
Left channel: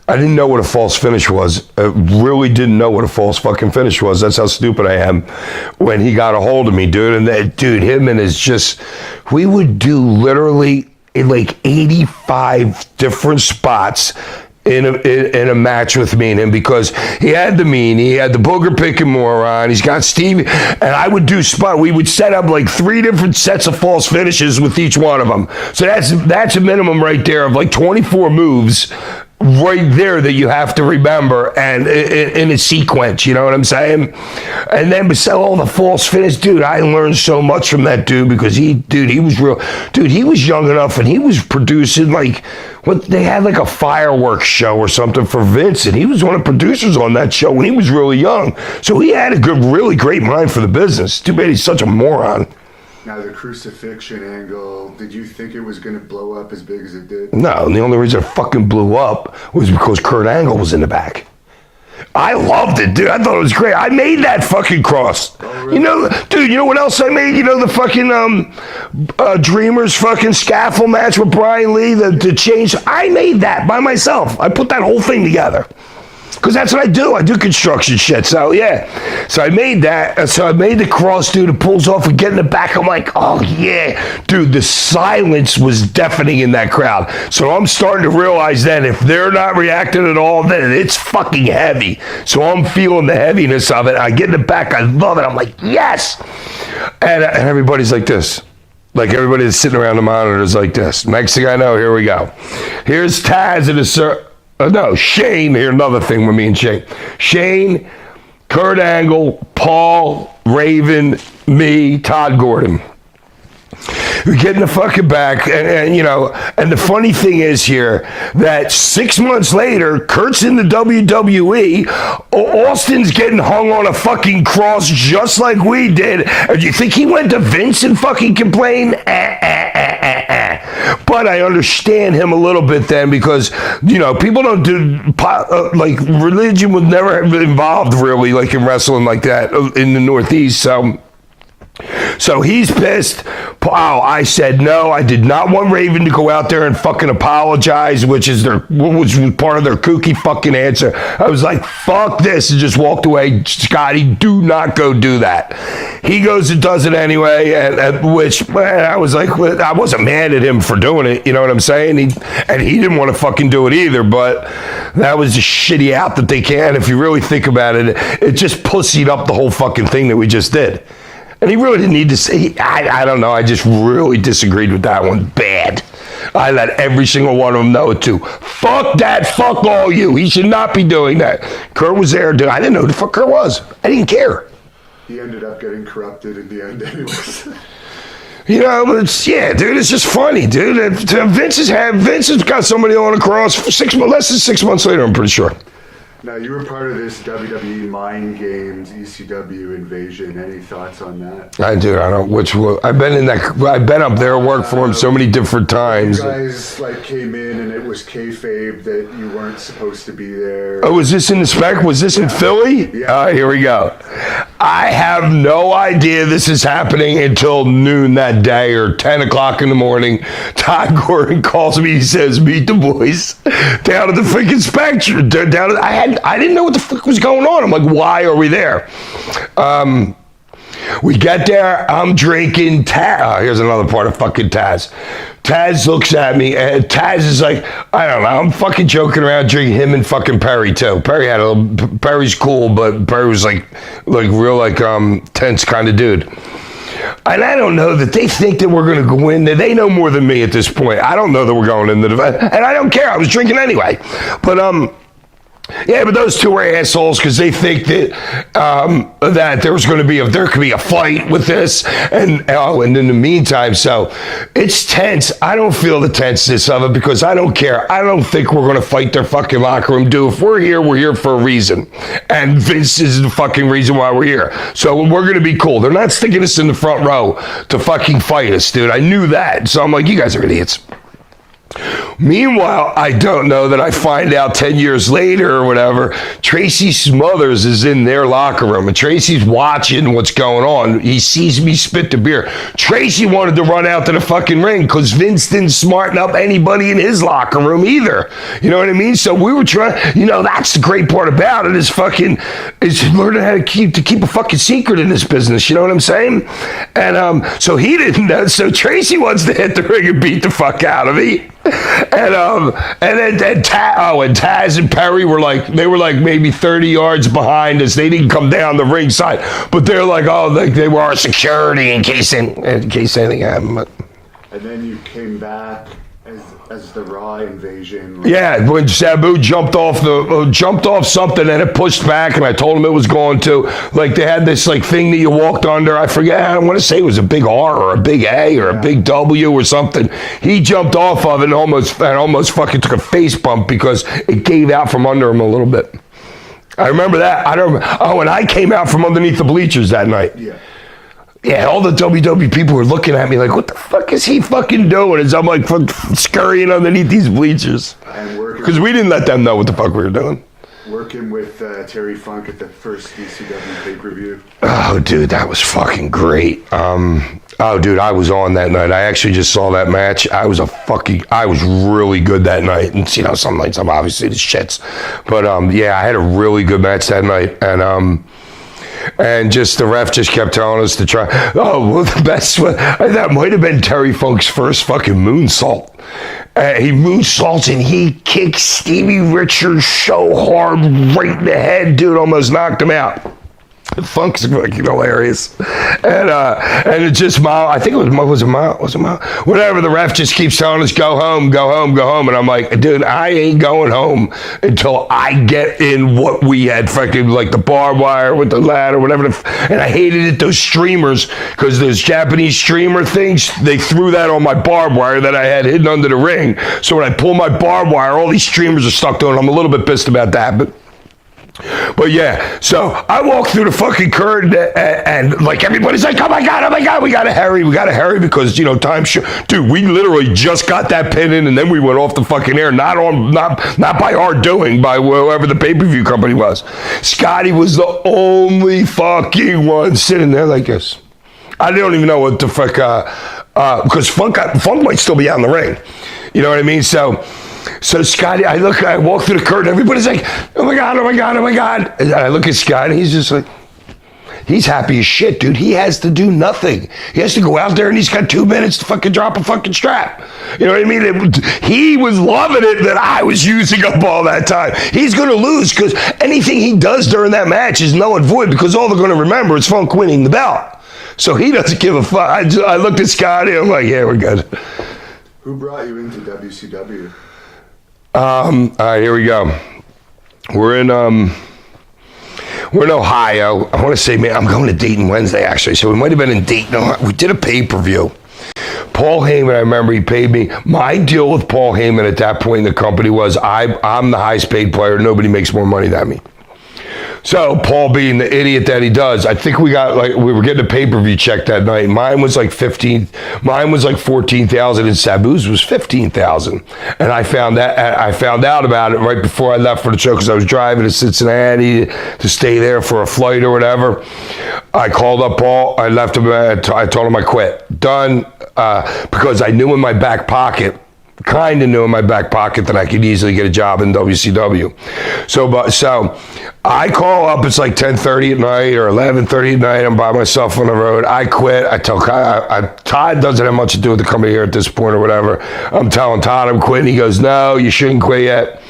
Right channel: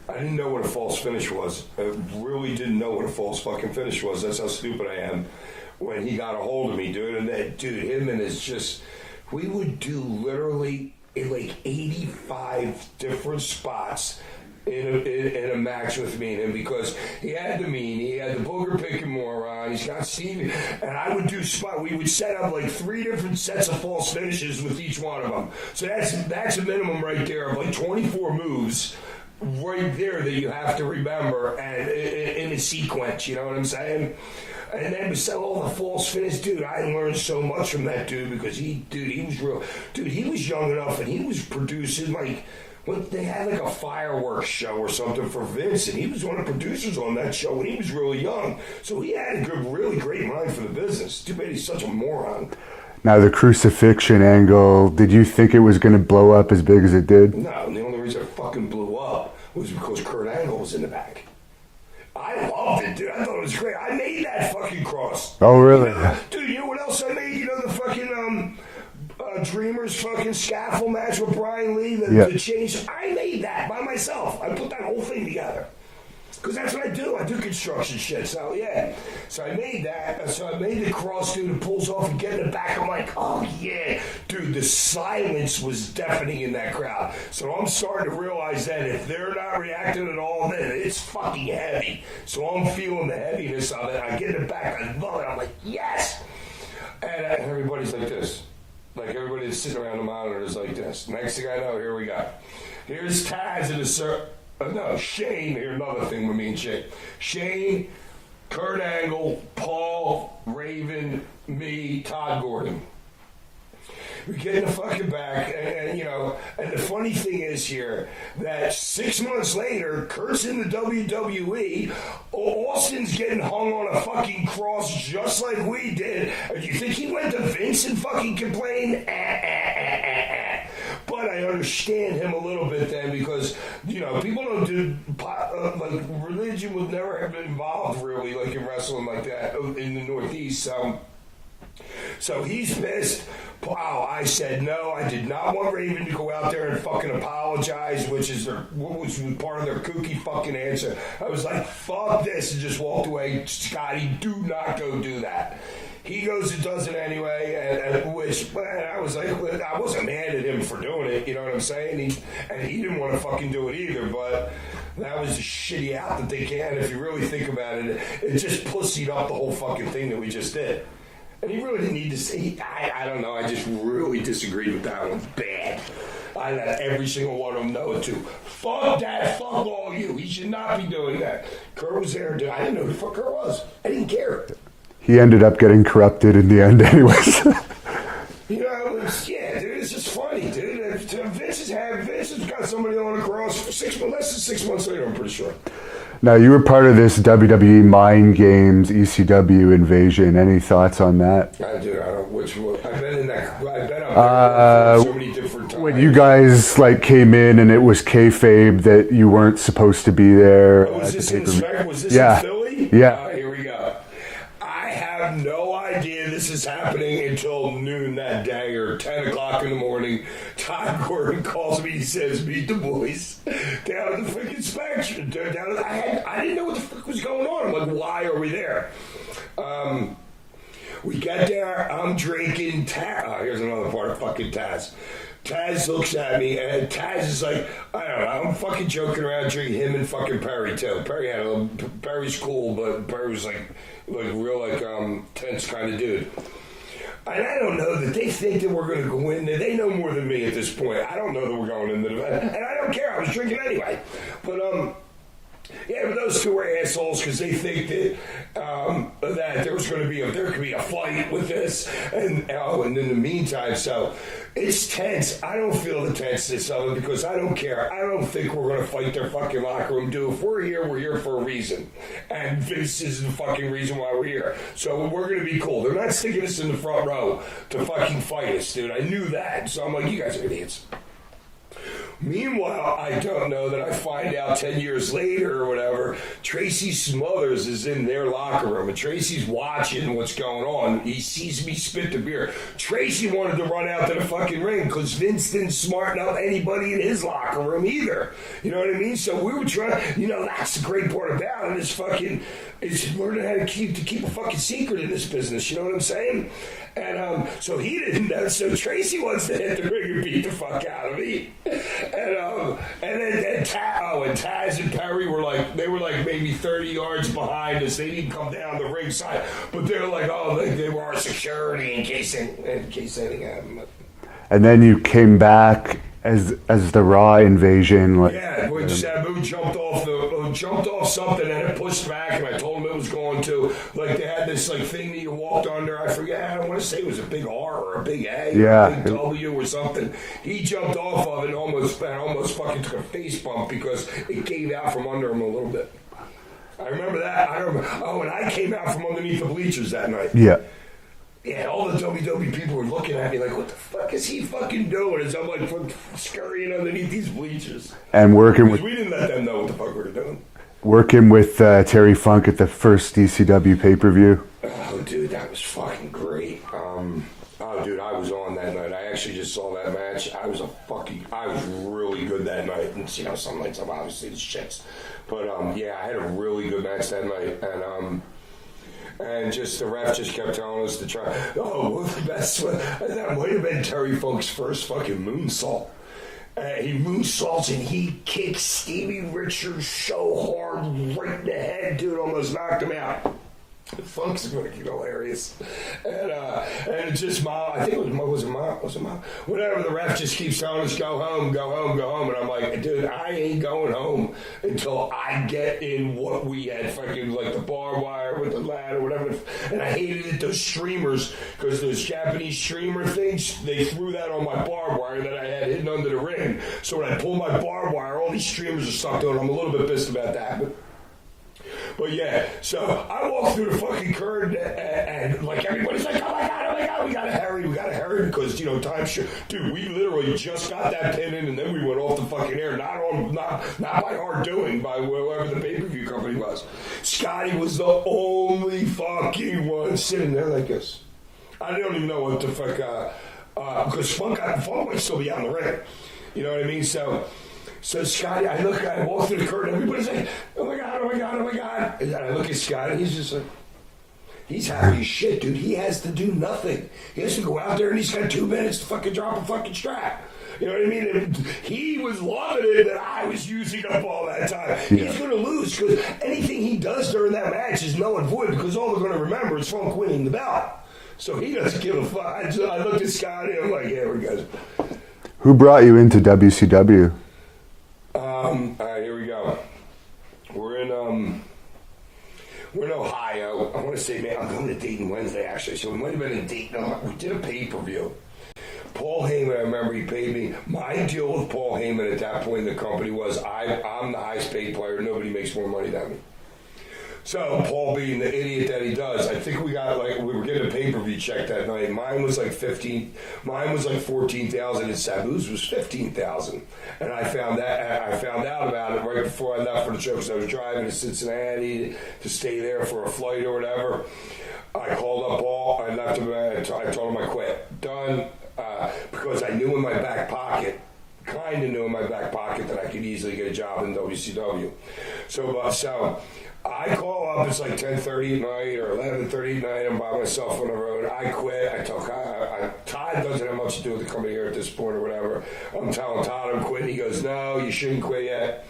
I didn't know what a false finish was. I really didn't know what a false fucking finish was. That's how stupid I am. When he got a hold of me, dude, and that, dude, him and his just, we would do literally like 85 different spots in a match with me and him, because he had the meanie, he had the booger picking moron, he's got Stevie, and I would do spot. We would set up like 3 different sets of false finishes with each one of them. So that's a minimum right there of like 24 moves right there that you have to remember, and in a sequence, you know what I'm saying? And then besides all the false finish, dude, I learned so much from that dude, because he was real. Dude, he was young enough, and he was producing like, what, they had like a fireworks show or something for Vince, and he was one of the producers on that show when he was really young. So he had a really great mind for the business. Too bad he's such a moron. Now, the crucifixion angle, did you think it was going to blow up as big as it did? No, and the only reason it fucking blew up was because Kurt Angle was in the back. I loved it, dude. I thought it was great. I made that fucking cross. Oh, really? You know, dude, you know what else I made? You know the fucking Dreamers fucking scaffold match with Brian Lee, the change? I made that by myself. I put that whole thing together. Because that's what I do. I do construction shit. So, yeah. So I made that. So I made the cross, dude. It pulls off and get in the back. I'm like, oh, yeah. Dude, the silence was deafening in that crowd. So I'm starting to realize that if they're not reacting at all, then it's fucking heavy. So I'm feeling the heaviness of it. I get in the back. I love it. I'm like, yes. And everybody's like this. Like everybody that's sitting around the monitor is like this. Next thing I know, here we go. Here's Taz in a no, Shane, here, another thing with me and Shane. Shane, Kurt Angle, Paul, Raven, me, Todd Gordon. We get in the fucking back, and you know, and the funny thing is here that 6 months later, Kurt's in the WWE, Austin's getting hung on a fucking cross just like we did. And you think he went to Vince and fucking complained? But I understand him a little bit then, because, you know, people don't do, like, religion was never involved really, like in wrestling like that in the Northeast, so he's pissed. Wow, I said no. I did not want Raven to go out there and fucking apologize, which was part of their kooky fucking answer. I was like, fuck this, and just walked away. Scotty, do not go do that. He goes and does it anyway, which I was like, I wasn't mad at him for doing it, you know what I'm saying? He didn't want to fucking do it either, but that was just shitty out that they can. If you really think about it, it just pussied up the whole fucking thing that we just did. And he really didn't need to say, I don't know, I just really disagreed with that one bad. I let every single one of them know it too. Fuck that, fuck all you. He should not be doing that. Kurt was there, dude. I didn't know who the fuck Kurt was. I didn't care. He ended up getting corrupted in the end anyways. You know, but it's just funny, dude. Vince has got somebody on a cross for less than 6 months later, I'm pretty sure. Now, you were part of this WWE Mind Games ECW invasion. Any thoughts on that? I don't. I've been up there, worked for him so many different times. You guys came in and it was kayfabe that you weren't supposed to be there. Oh, was this in the spec? Was this in Philly? Yeah. All right, here we go. I have no idea this is happening until noon that day or 10 o'clock in the morning. Todd Gordon calls me. He says, meet the boys down at the freaking Spectrum. I didn't know what the fuck was going on. I'm like, why are we there? We get there. I'm drinking. Here's another part of fucking Taz. Taz looks at me, and Taz is like, I don't know, I'm fucking joking around, drinking him and fucking Perry too. Perry's cool, but Perry was like real tense kind of dude. And I don't know that they think that we're going to go in there. They know more than me at this point. I don't know that we're going in the event, and I don't care. I was drinking anyway. But but those two are assholes because they think that that there could be a fight with this, and in the meantime, so it's tense. I don't feel the tenseness of it because I don't care. I don't think we're going to fight their fucking locker room, dude. If we're here for a reason, and Vince is the fucking reason why we're here. So we're going to be cool. They're not sticking us in the front row to fucking fight us, dude. I knew that, so I'm like, you guys are idiots. Meanwhile, I don't know that I find out 10 years later or whatever, Tracy Smothers is in their locker room and Tracy's watching what's going on. He sees me spit the beer. Tracy wanted to run out to the fucking ring because Vince didn't smarten up anybody in his locker room either. You know what I mean? So we were trying, that's the great part about it is learning how to keep a fucking secret in this business. You know what I'm saying? And so he didn't know. So Tracy wants to hit the ring and beat the fuck out of me. And Taz and Perry were like maybe 30 yards behind us. They didn't come down the ringside, but they're like, they were our security in case anything happened. And then you came back as the Raw invasion. Yeah, when Sabu jumped off something and it pushed back, and I told him it was going to. Like they had this thing that you walked under. I forget. I don't want to say it was a big R or a big A or a big W or something. He jumped off of it and almost fucking took a face bump because it gave out from under him a little bit. I remember that. And I came out from underneath the bleachers that night. Yeah. Yeah, all the WWE people were looking at me like, what the fuck is he fucking doing? As I'm scurrying underneath these bleachers. And working. Because we didn't let them know what the fuck we were doing. Working with Terry Funk at the first DCW pay-per-view. Oh, dude, that was fucking great. Dude, I was on that night. I actually just saw that match. I was really good that night. And, some nights I'm obviously the shits. But, I had a really good match that night. And just the ref just kept telling us to try. Oh, well, the best one, that might have been Terry Funk's first fucking moonsault. He moonsaults and he kicks Stevie Richards so hard right in the head, dude, almost knocked him out. Funk's fucking hilarious. And it just I think it was a mile. Whatever, the ref just keeps telling us, go home. And I'm like, dude, I ain't going home until I get in what we had fucking the barbed wire with the ladder, whatever. And I hated it, those streamers, because those Japanese streamer things, they threw that on my barbed wire that I had hidden under the ring. So when I pull my barbed wire, all these streamers are stuck to it. I'm a little bit pissed about that, But yeah, so I walk through the fucking curtain and everybody's like, oh my God, we gotta hurry because time. Dude, we literally just got that pin in and then we went off the fucking air, not by our doing, by whoever the pay-per-view company was. Scotty was the only fucking one sitting there like this. I don't even know what the fuck, because Funk might still be out in the ring. You know what I mean? So Scotty, I walk through the curtain, everybody's like, oh my God. And I look at Scotty, he's just like, he's happy as shit, dude. He has to do nothing. He has to go out there and he's got 2 minutes to fucking drop a fucking strap. You know what I mean? He was loving it that I was using up all that time. He's going to lose because anything he does during that match is null and void because all they're going to remember is Funk winning the belt. So he doesn't give a fuck. I looked at Scotty, I'm like, yeah, we're good. Who brought you into WCW? All right, here we go. We're in Ohio. I want to say, man, I'm going to Dayton Wednesday, actually. So we might have been in Dayton. We did a pay-per-view. Paul Heyman, I remember he paid me. My deal with Paul Heyman at that point in the company was I'm the highest paid player. Nobody makes more money than me. So Paul, being the idiot that he does, I think we were getting a pay-per-view check that night. Mine was like 14,000 and Sabu's was 15,000. And I found out about it right before I left for the show because I was driving to Cincinnati to stay there for a flight or whatever. I called up Paul. I left him. I told him I quit. Done. Because I knew in my back pocket that I could easily get a job in WCW. So I call up, it's like 10:30 at night or 11:30 at night. I'm by myself on the road. I quit. I tell Todd doesn't have much to do with the company here at this point or whatever. I'm telling Todd I'm quitting. He goes, no, you shouldn't quit yet.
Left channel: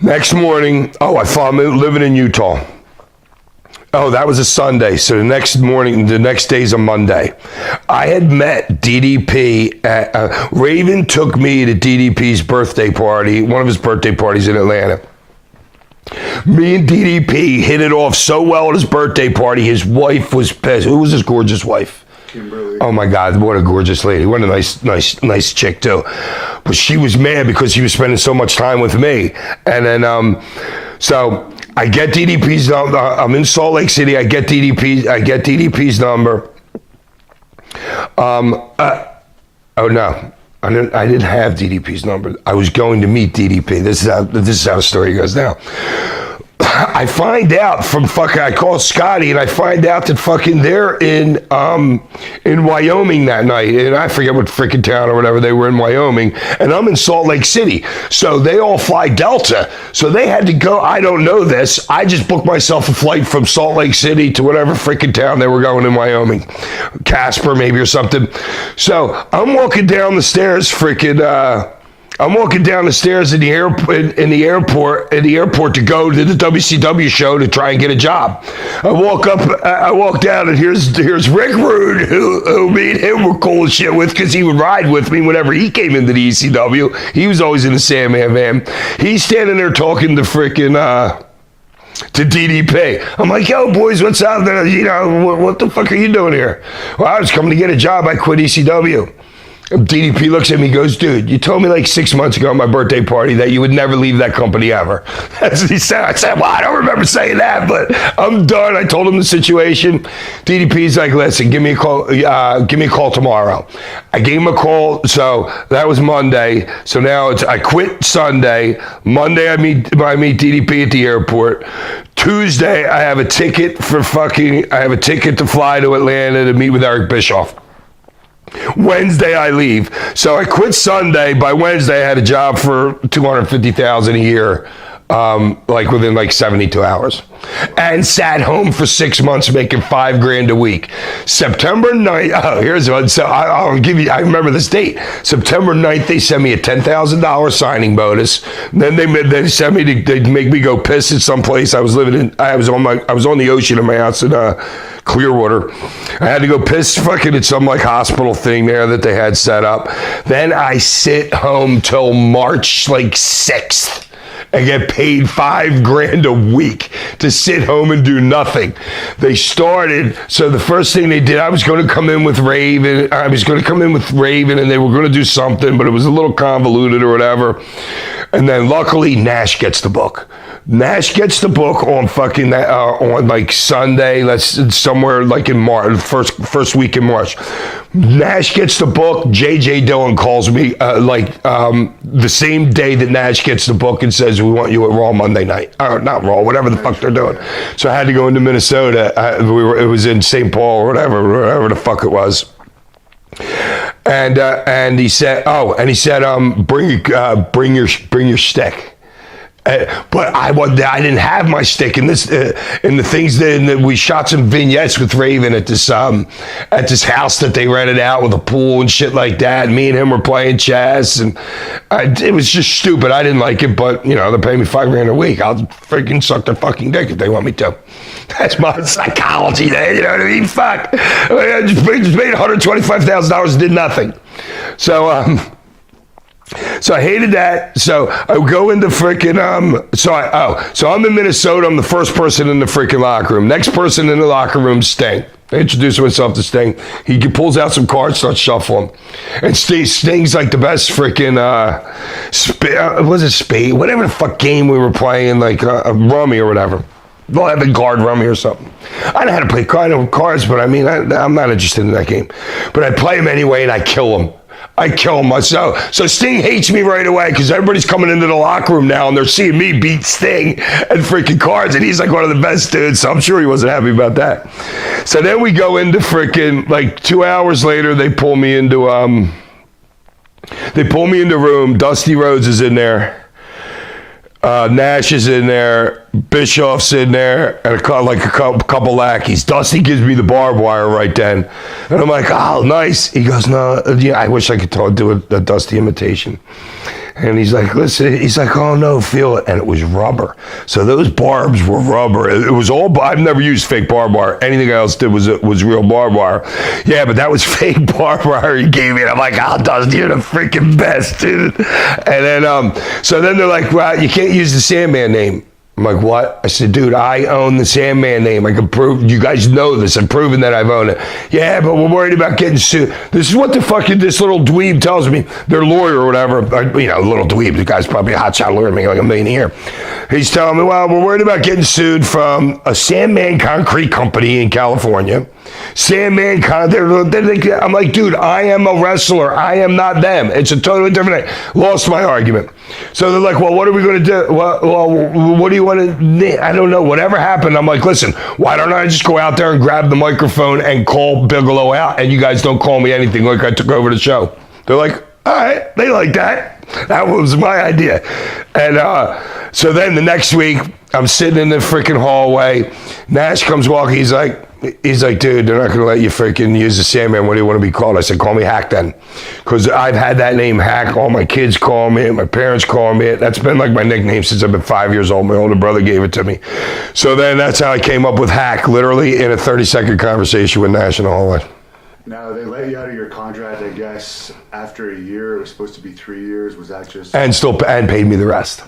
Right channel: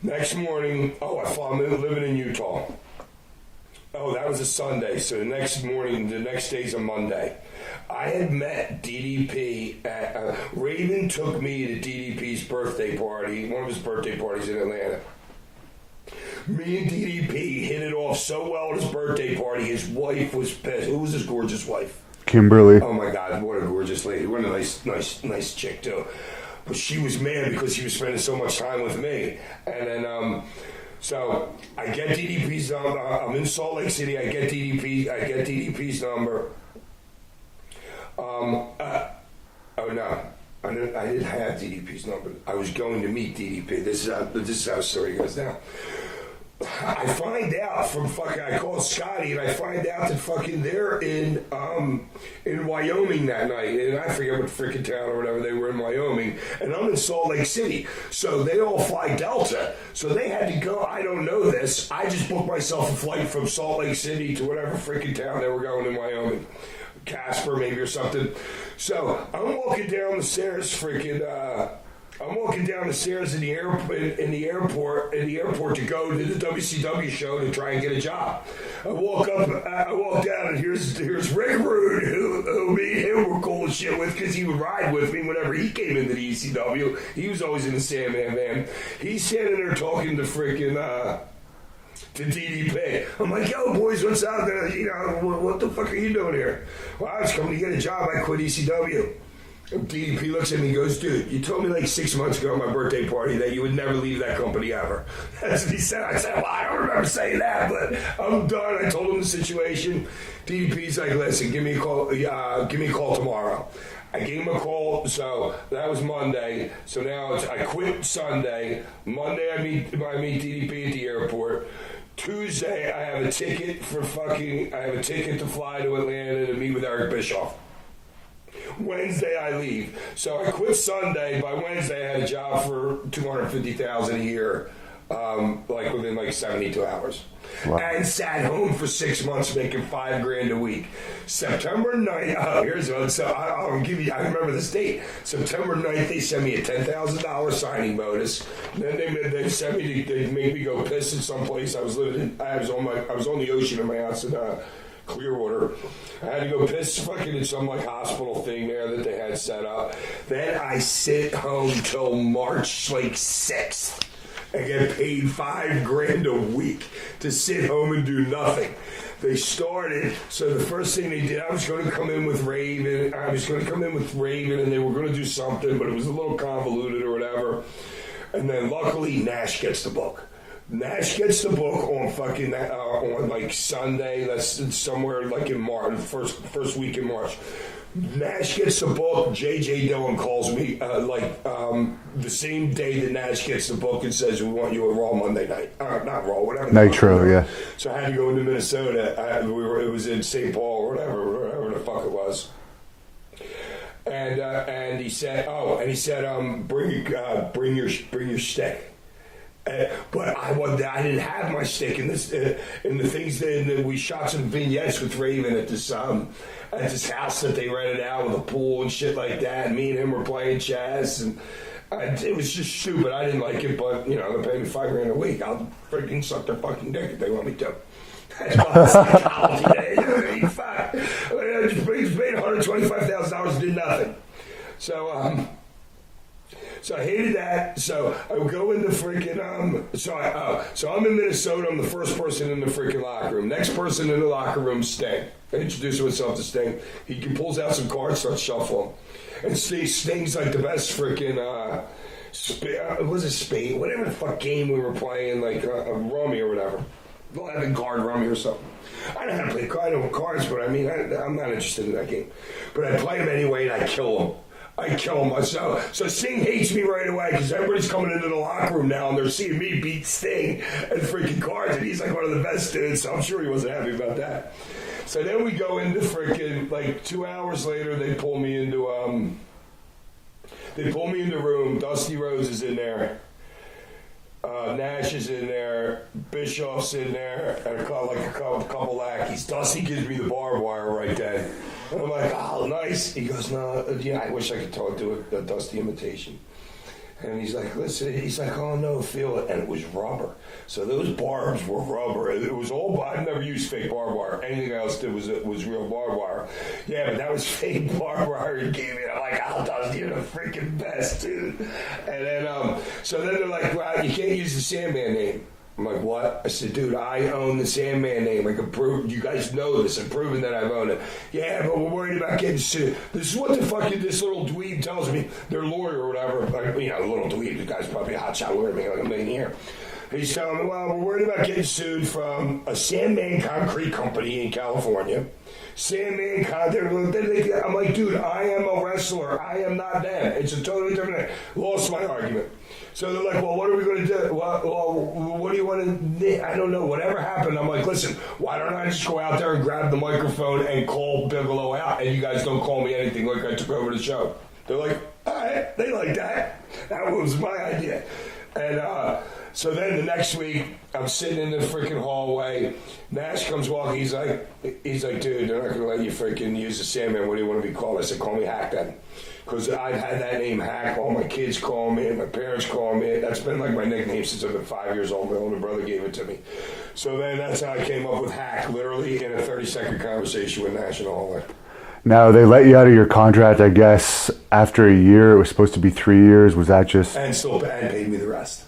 Next morning, I found him living in Utah. Oh, that was a Sunday. So the next day's a Monday. I had met DDP Raven took me to DDP's birthday party, one of his birthday parties in Atlanta. Me and DDP hit it off so well at his birthday party, his wife was pissed. Who was his gorgeous wife? Kimberly. Oh my God, what a gorgeous lady. What a nice chick too. But she was mad because he was spending so much time with me. And then, so I get DDP's number. I'm in Salt Lake City. I get DDP's number. Oh no. I didn't have DDP's number. I was going to meet DDP. This is how the story goes now. I find out from I call Scotty and I find out that fucking they're in Wyoming that night, and I forget what freaking town or whatever they were in Wyoming, and I'm in Salt Lake City. So they all fly Delta. So they had to go. I don't know this. I just booked myself a flight from Salt Lake City to whatever freaking town they were going in Wyoming, Casper maybe or something. So I'm walking down the stairs, I'm walking down the stairs in the airport to go to the WCW show to try and get a job. I walk down, and here's Rick Rude, who me and him were cool as shit with, because he would ride with me whenever he came into the ECW. He was always in the Sandman van. He's standing there talking to to DDP. I'm like, yo, boys, what's up? What the fuck are you doing here? Well, I was coming to get a job. I quit ECW. DDP looks at me and goes, dude, you told me like 6 months ago on my birthday party that you would never leave that company ever. That's what he said. I said, well, I don't remember saying that, but I'm done. I told him the situation. DDP's like, listen, give me a call tomorrow. I gave him a call. So that was Monday. So now I quit Sunday. Monday, I meet DDP at the airport. Tuesday, I have a ticket to fly to Atlanta to meet with Eric Bischoff. Wednesday I leave. So I quit Sunday. By Wednesday I had a job for $250,000 a year, within 72 hours. Wow. And sat home for 6 months making $5,000 a week. September 9th, here's one. So I'll give you, I remember this date. September 9th, they sent me a $10,000 signing bonus. Then they sent me they make me go piss at some place. I was on the ocean in my house in Clearwater. I had to go piss at some hospital thing there that they had set up. Then I sit home till March 6th. and get paid $5,000 a week to sit home and do nothing. They started, so the first thing they did, I was going to come in with Raven, and they were going to do something, but it was a little convoluted or whatever. And then luckily Nash gets the book. Nash gets the book on on Sunday, somewhere in March, first week in March. Nash gets the book. J.J. Dillon calls me the same day that Nash gets the book and says, we want you at Raw Monday night. Not Raw, whatever the fuck they're doing. Yeah. So I had to go into Minnesota. It was in St. Paul or whatever the fuck it was. And he said, bring your stick. But I didn't have my stick in this. In the things that we shot some vignettes with Raven at this house that they rented out with a pool and shit like that. Me and him were playing chess, and it was just stupid. I didn't like it, but they pay me $5,000 a week. I'll freaking suck their fucking dick if they want me to. That's my psychology. You know what I mean? Fuck. I just made $125,000 and did nothing. So I hated that. So I go into freaking so I'm in Minnesota. I'm the first person in the freaking locker room. Next person in the locker room, Sting. I introduce myself to Sting. He pulls out some cards, starts shuffling. And Sting's like the best freaking spade? Whatever the fuck game we were playing, a rummy or whatever. 11 card rummy or something. I know how to play cards, but I'm not interested in that game. But I play them anyway, and I kill them. myself. So Sting hates me right away because everybody's coming into the locker room now and they're seeing me beat Sting at freaking cards, and he's one of the best dudes, so I'm sure he wasn't happy about that. So then we go into freaking 2 hours later, they pull me into room. Dusty Rhodes is in there. Nash is in there, Bischoff's in there, and a couple lackeys. Dusty gives me the barbed wire right then. And I'm like, oh, nice. He goes, no, yeah, I wish I could do a Dusty imitation. And he's like, listen, oh no, feel it. And it was rubber. So those barbs were rubber. It was all, I've never used fake barbed wire. Anything else did was real barbed wire. Yeah, but that was fake barbed wire he gave me. And I'm like, oh, Dusty, you're the freaking best, dude. And then, so then they're like, well, you can't use the Sandman name. I'm like, what? I said, dude, I own the Sandman name. I can prove, you guys know this. I've proven that I've owned it. Yeah, but we're worried about getting sued. This is what the fucking, this little dweeb tells me, their lawyer or whatever, little dweeb, the guy's probably a hotshot lawyer making like $1 million a year. He's telling me, well, we're worried about getting sued from a Sandman concrete company in California. Sandman, I'm like, dude, I am a wrestler. I am not them. It's a totally different thing. Lost my argument. So they're like, well, what are we going to do? Well, what do you want to, I don't know, whatever happened. I'm like, listen, why don't I just go out there and grab the microphone and call Bigelow out, and you guys don't call me anything like I took over the show. They're like, all right, they like that. That was my idea. And so then the next week, I'm sitting in the freaking hallway. Nash comes walking. He's like, dude, they're not going to let you freaking use the Sandman. What do you want to be called? I said, call me Hack then. Because I've had that name Hack. All my kids call me it. My parents call me it. That's been like my nickname since I've been 5 years old. My older brother gave it to me. So then that's how I came up with Hack, literally in a 30-second conversation with Nash in the hallway. Now, they let you out of your contract, I guess, after a year. It was supposed to be 3 years. Was that just... And paid me the rest.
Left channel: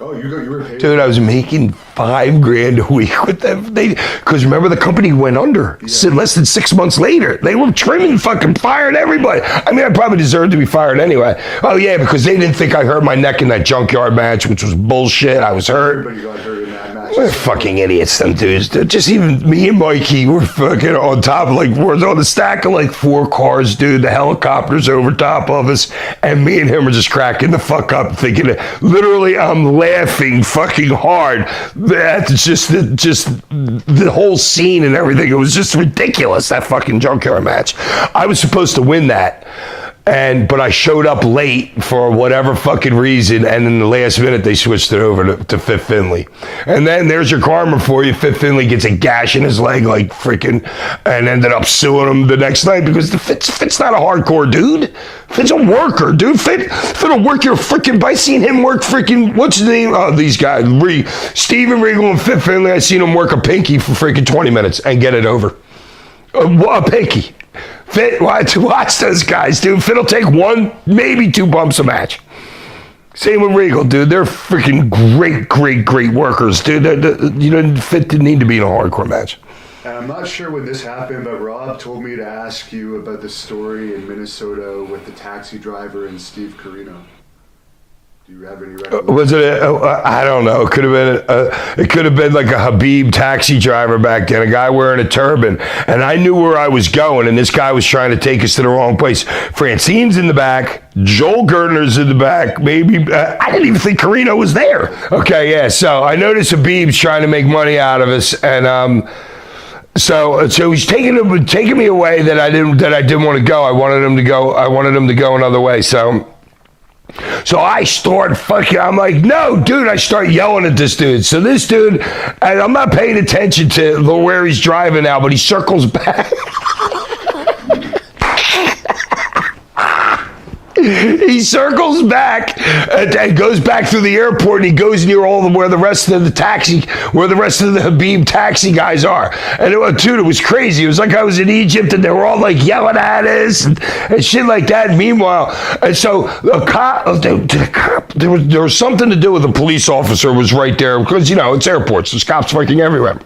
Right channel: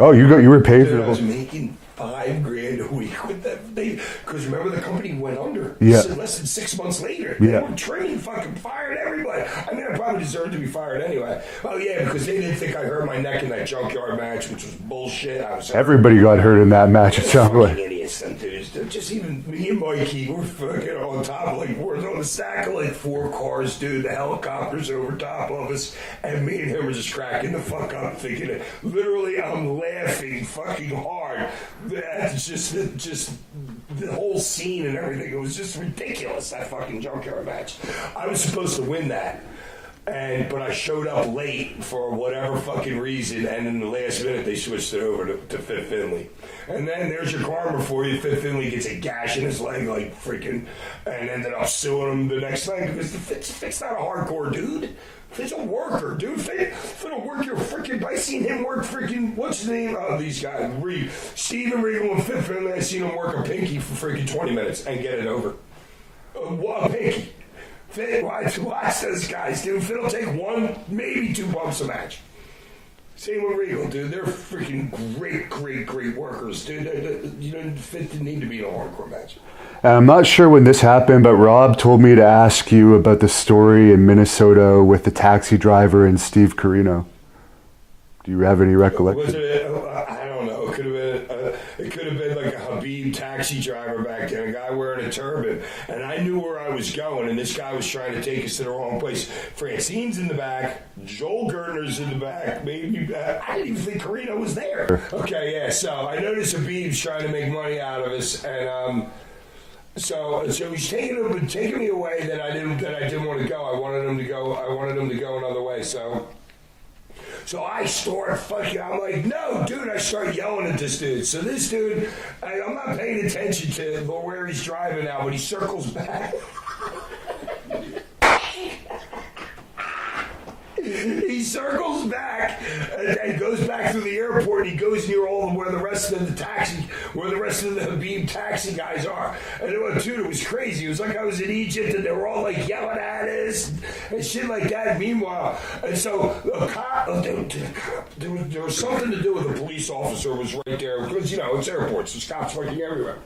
Oh, you were paid? Dude, I was making $5,000 a week with them. Because remember, the company went under. Yeah. Less than 6 months later. They were trimming, fucking fired everybody. I mean, I probably deserved to be fired anyway. Oh yeah, because they didn't think I hurt my neck in that junkyard match, which was bullshit. I was hurt. Everybody got hurt in that match. Fucking idiots, them dudes. Just even me and Mikey were fucking on top of, we're on the stack of 4 cars, dude. The helicopter's over top of us, and me and him are just cracking the fuck up, thinking that literally I'm laughing fucking hard. That's just the whole scene and everything. It was just ridiculous, that fucking junkyard match. I was supposed to win that. But I showed up late for whatever fucking reason, and in the last minute they switched it over to Fit Finley. And then there's your karma for you. Fit Finley gets a gash in his leg and ended up suing him the next night because Fit's not a hardcore dude. Fit's a worker, dude. Fit'll work your freaking, I seen him work freaking, what's his name? Oh, these guys, Steven Regal and Fit Finley, I seen him work a pinky for freaking 20 minutes and get it over. A pinky. Fit, watch those guys, dude. Fit'll take 1, maybe 2 bumps a match. Same with Regal, dude. They're freaking great workers, dude. Fit didn't need to be in a hardcore match. I'm not sure when this happened, but Rob told me to ask you about the story in Minnesota with the taxi driver and Steve Corino. Do you have any recollection? Was it? I don't know. It could have been like a Habib taxi driver back then, a guy wearing a turban, and I knew where I was going, and this guy was trying to take us to the wrong place. Francine's in the back, Joel Gertner's in the back. Maybe I didn't even think Corino was there. Okay, yeah. So I noticed Habib's trying to make money out of us, and So he's taking me away that I didn't want to go. I wanted him to go another way. So I start fucking, I'm like, no, dude, I start yelling at this dude. So this dude, and I'm not paying attention to where he's driving now, but he circles back. He circles back and goes back through the airport, and he goes near where the rest of the Habib taxi guys are. And dude, it was crazy. It was like I was in Egypt, and they were all yelling at us and shit like that. Meanwhile, and so the cop, there was something to do with the police officer was right there because it's airports. There's cops fucking everywhere.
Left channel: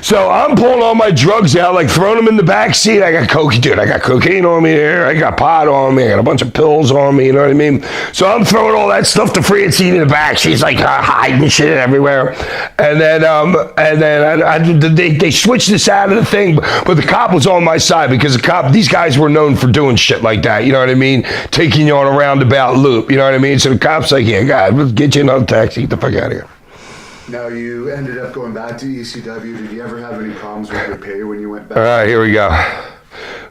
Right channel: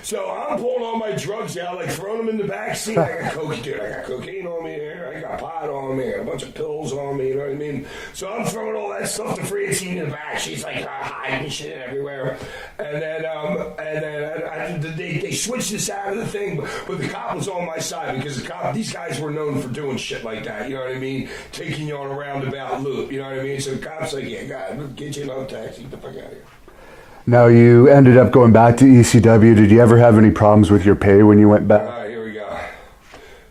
So I'm pulling all my drugs out, throwing them in the back seat. I got cocaine on me here. I got pot on me. I got a bunch of pills on me. You know what I mean? So I'm throwing all that stuff to Francine in the back. She's hiding shit everywhere. And then they switched this out of the thing, but the cop was on my side because these guys were known for doing shit like that. You know what I mean? Taking you on a roundabout loop. You know what I mean? So the cop's like, yeah, God, let's get you another taxi. Get the fuck out of here. Now, you ended up going back to ECW. Did you ever have any problems with your pay when you went back? All right, here we go.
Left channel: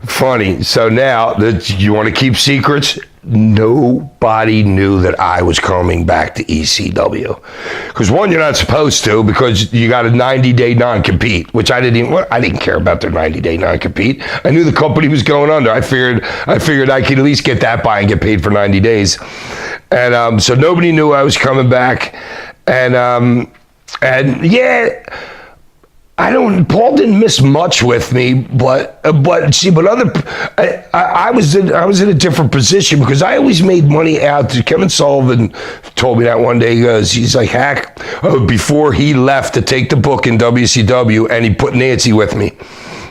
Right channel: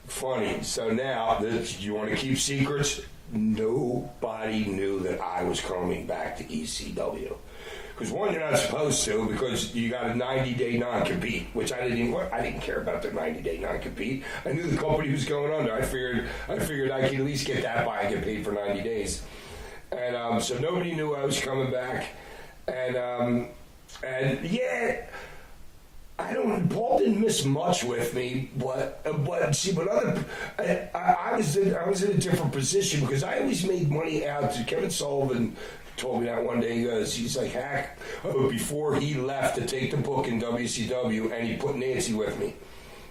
Funny. So now, you want to keep secrets? Nobody knew that I was coming back to ECW. Because one, you're not supposed to because you got a 90-day non-compete, which I didn't care about their 90-day non-compete. I knew the company was going under. I figured I could at least get that by and get paid for 90 days. And so nobody knew I was coming back. And yeah, Paul didn't miss much with me, but I was in a different position because I always made money out. Kevin Sullivan told me that one day. He's like, Hack, before he left to take the book in WCW, and he put Nancy with me.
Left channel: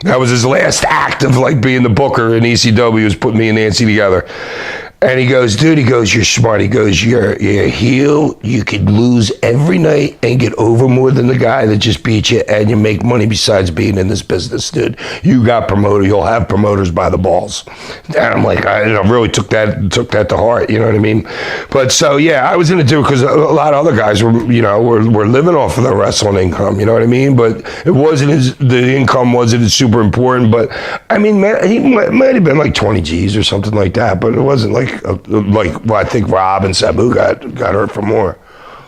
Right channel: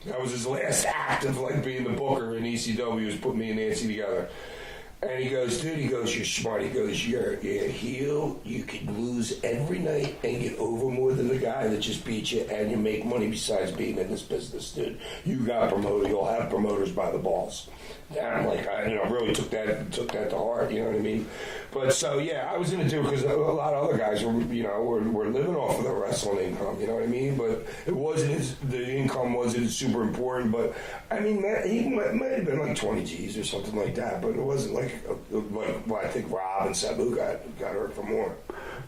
That was his last act of like being the booker in ECW, was putting me and Nancy together. And he goes, dude, you're smart. He goes, you're a heel. You could lose every night and get over more than the guy that just beat you, and you make money besides being in this business, dude. You got promoted. You'll have promoters by the balls. And I'm like, I really took that to heart. You know what I mean? But so yeah, I was in it too because a lot of other guys were living off of the wrestling income. You know what I mean? But the income wasn't super important. But I mean, man, he might have been like 20 G's or something like that. But it wasn't like I think Rob and Sabu got hurt for more.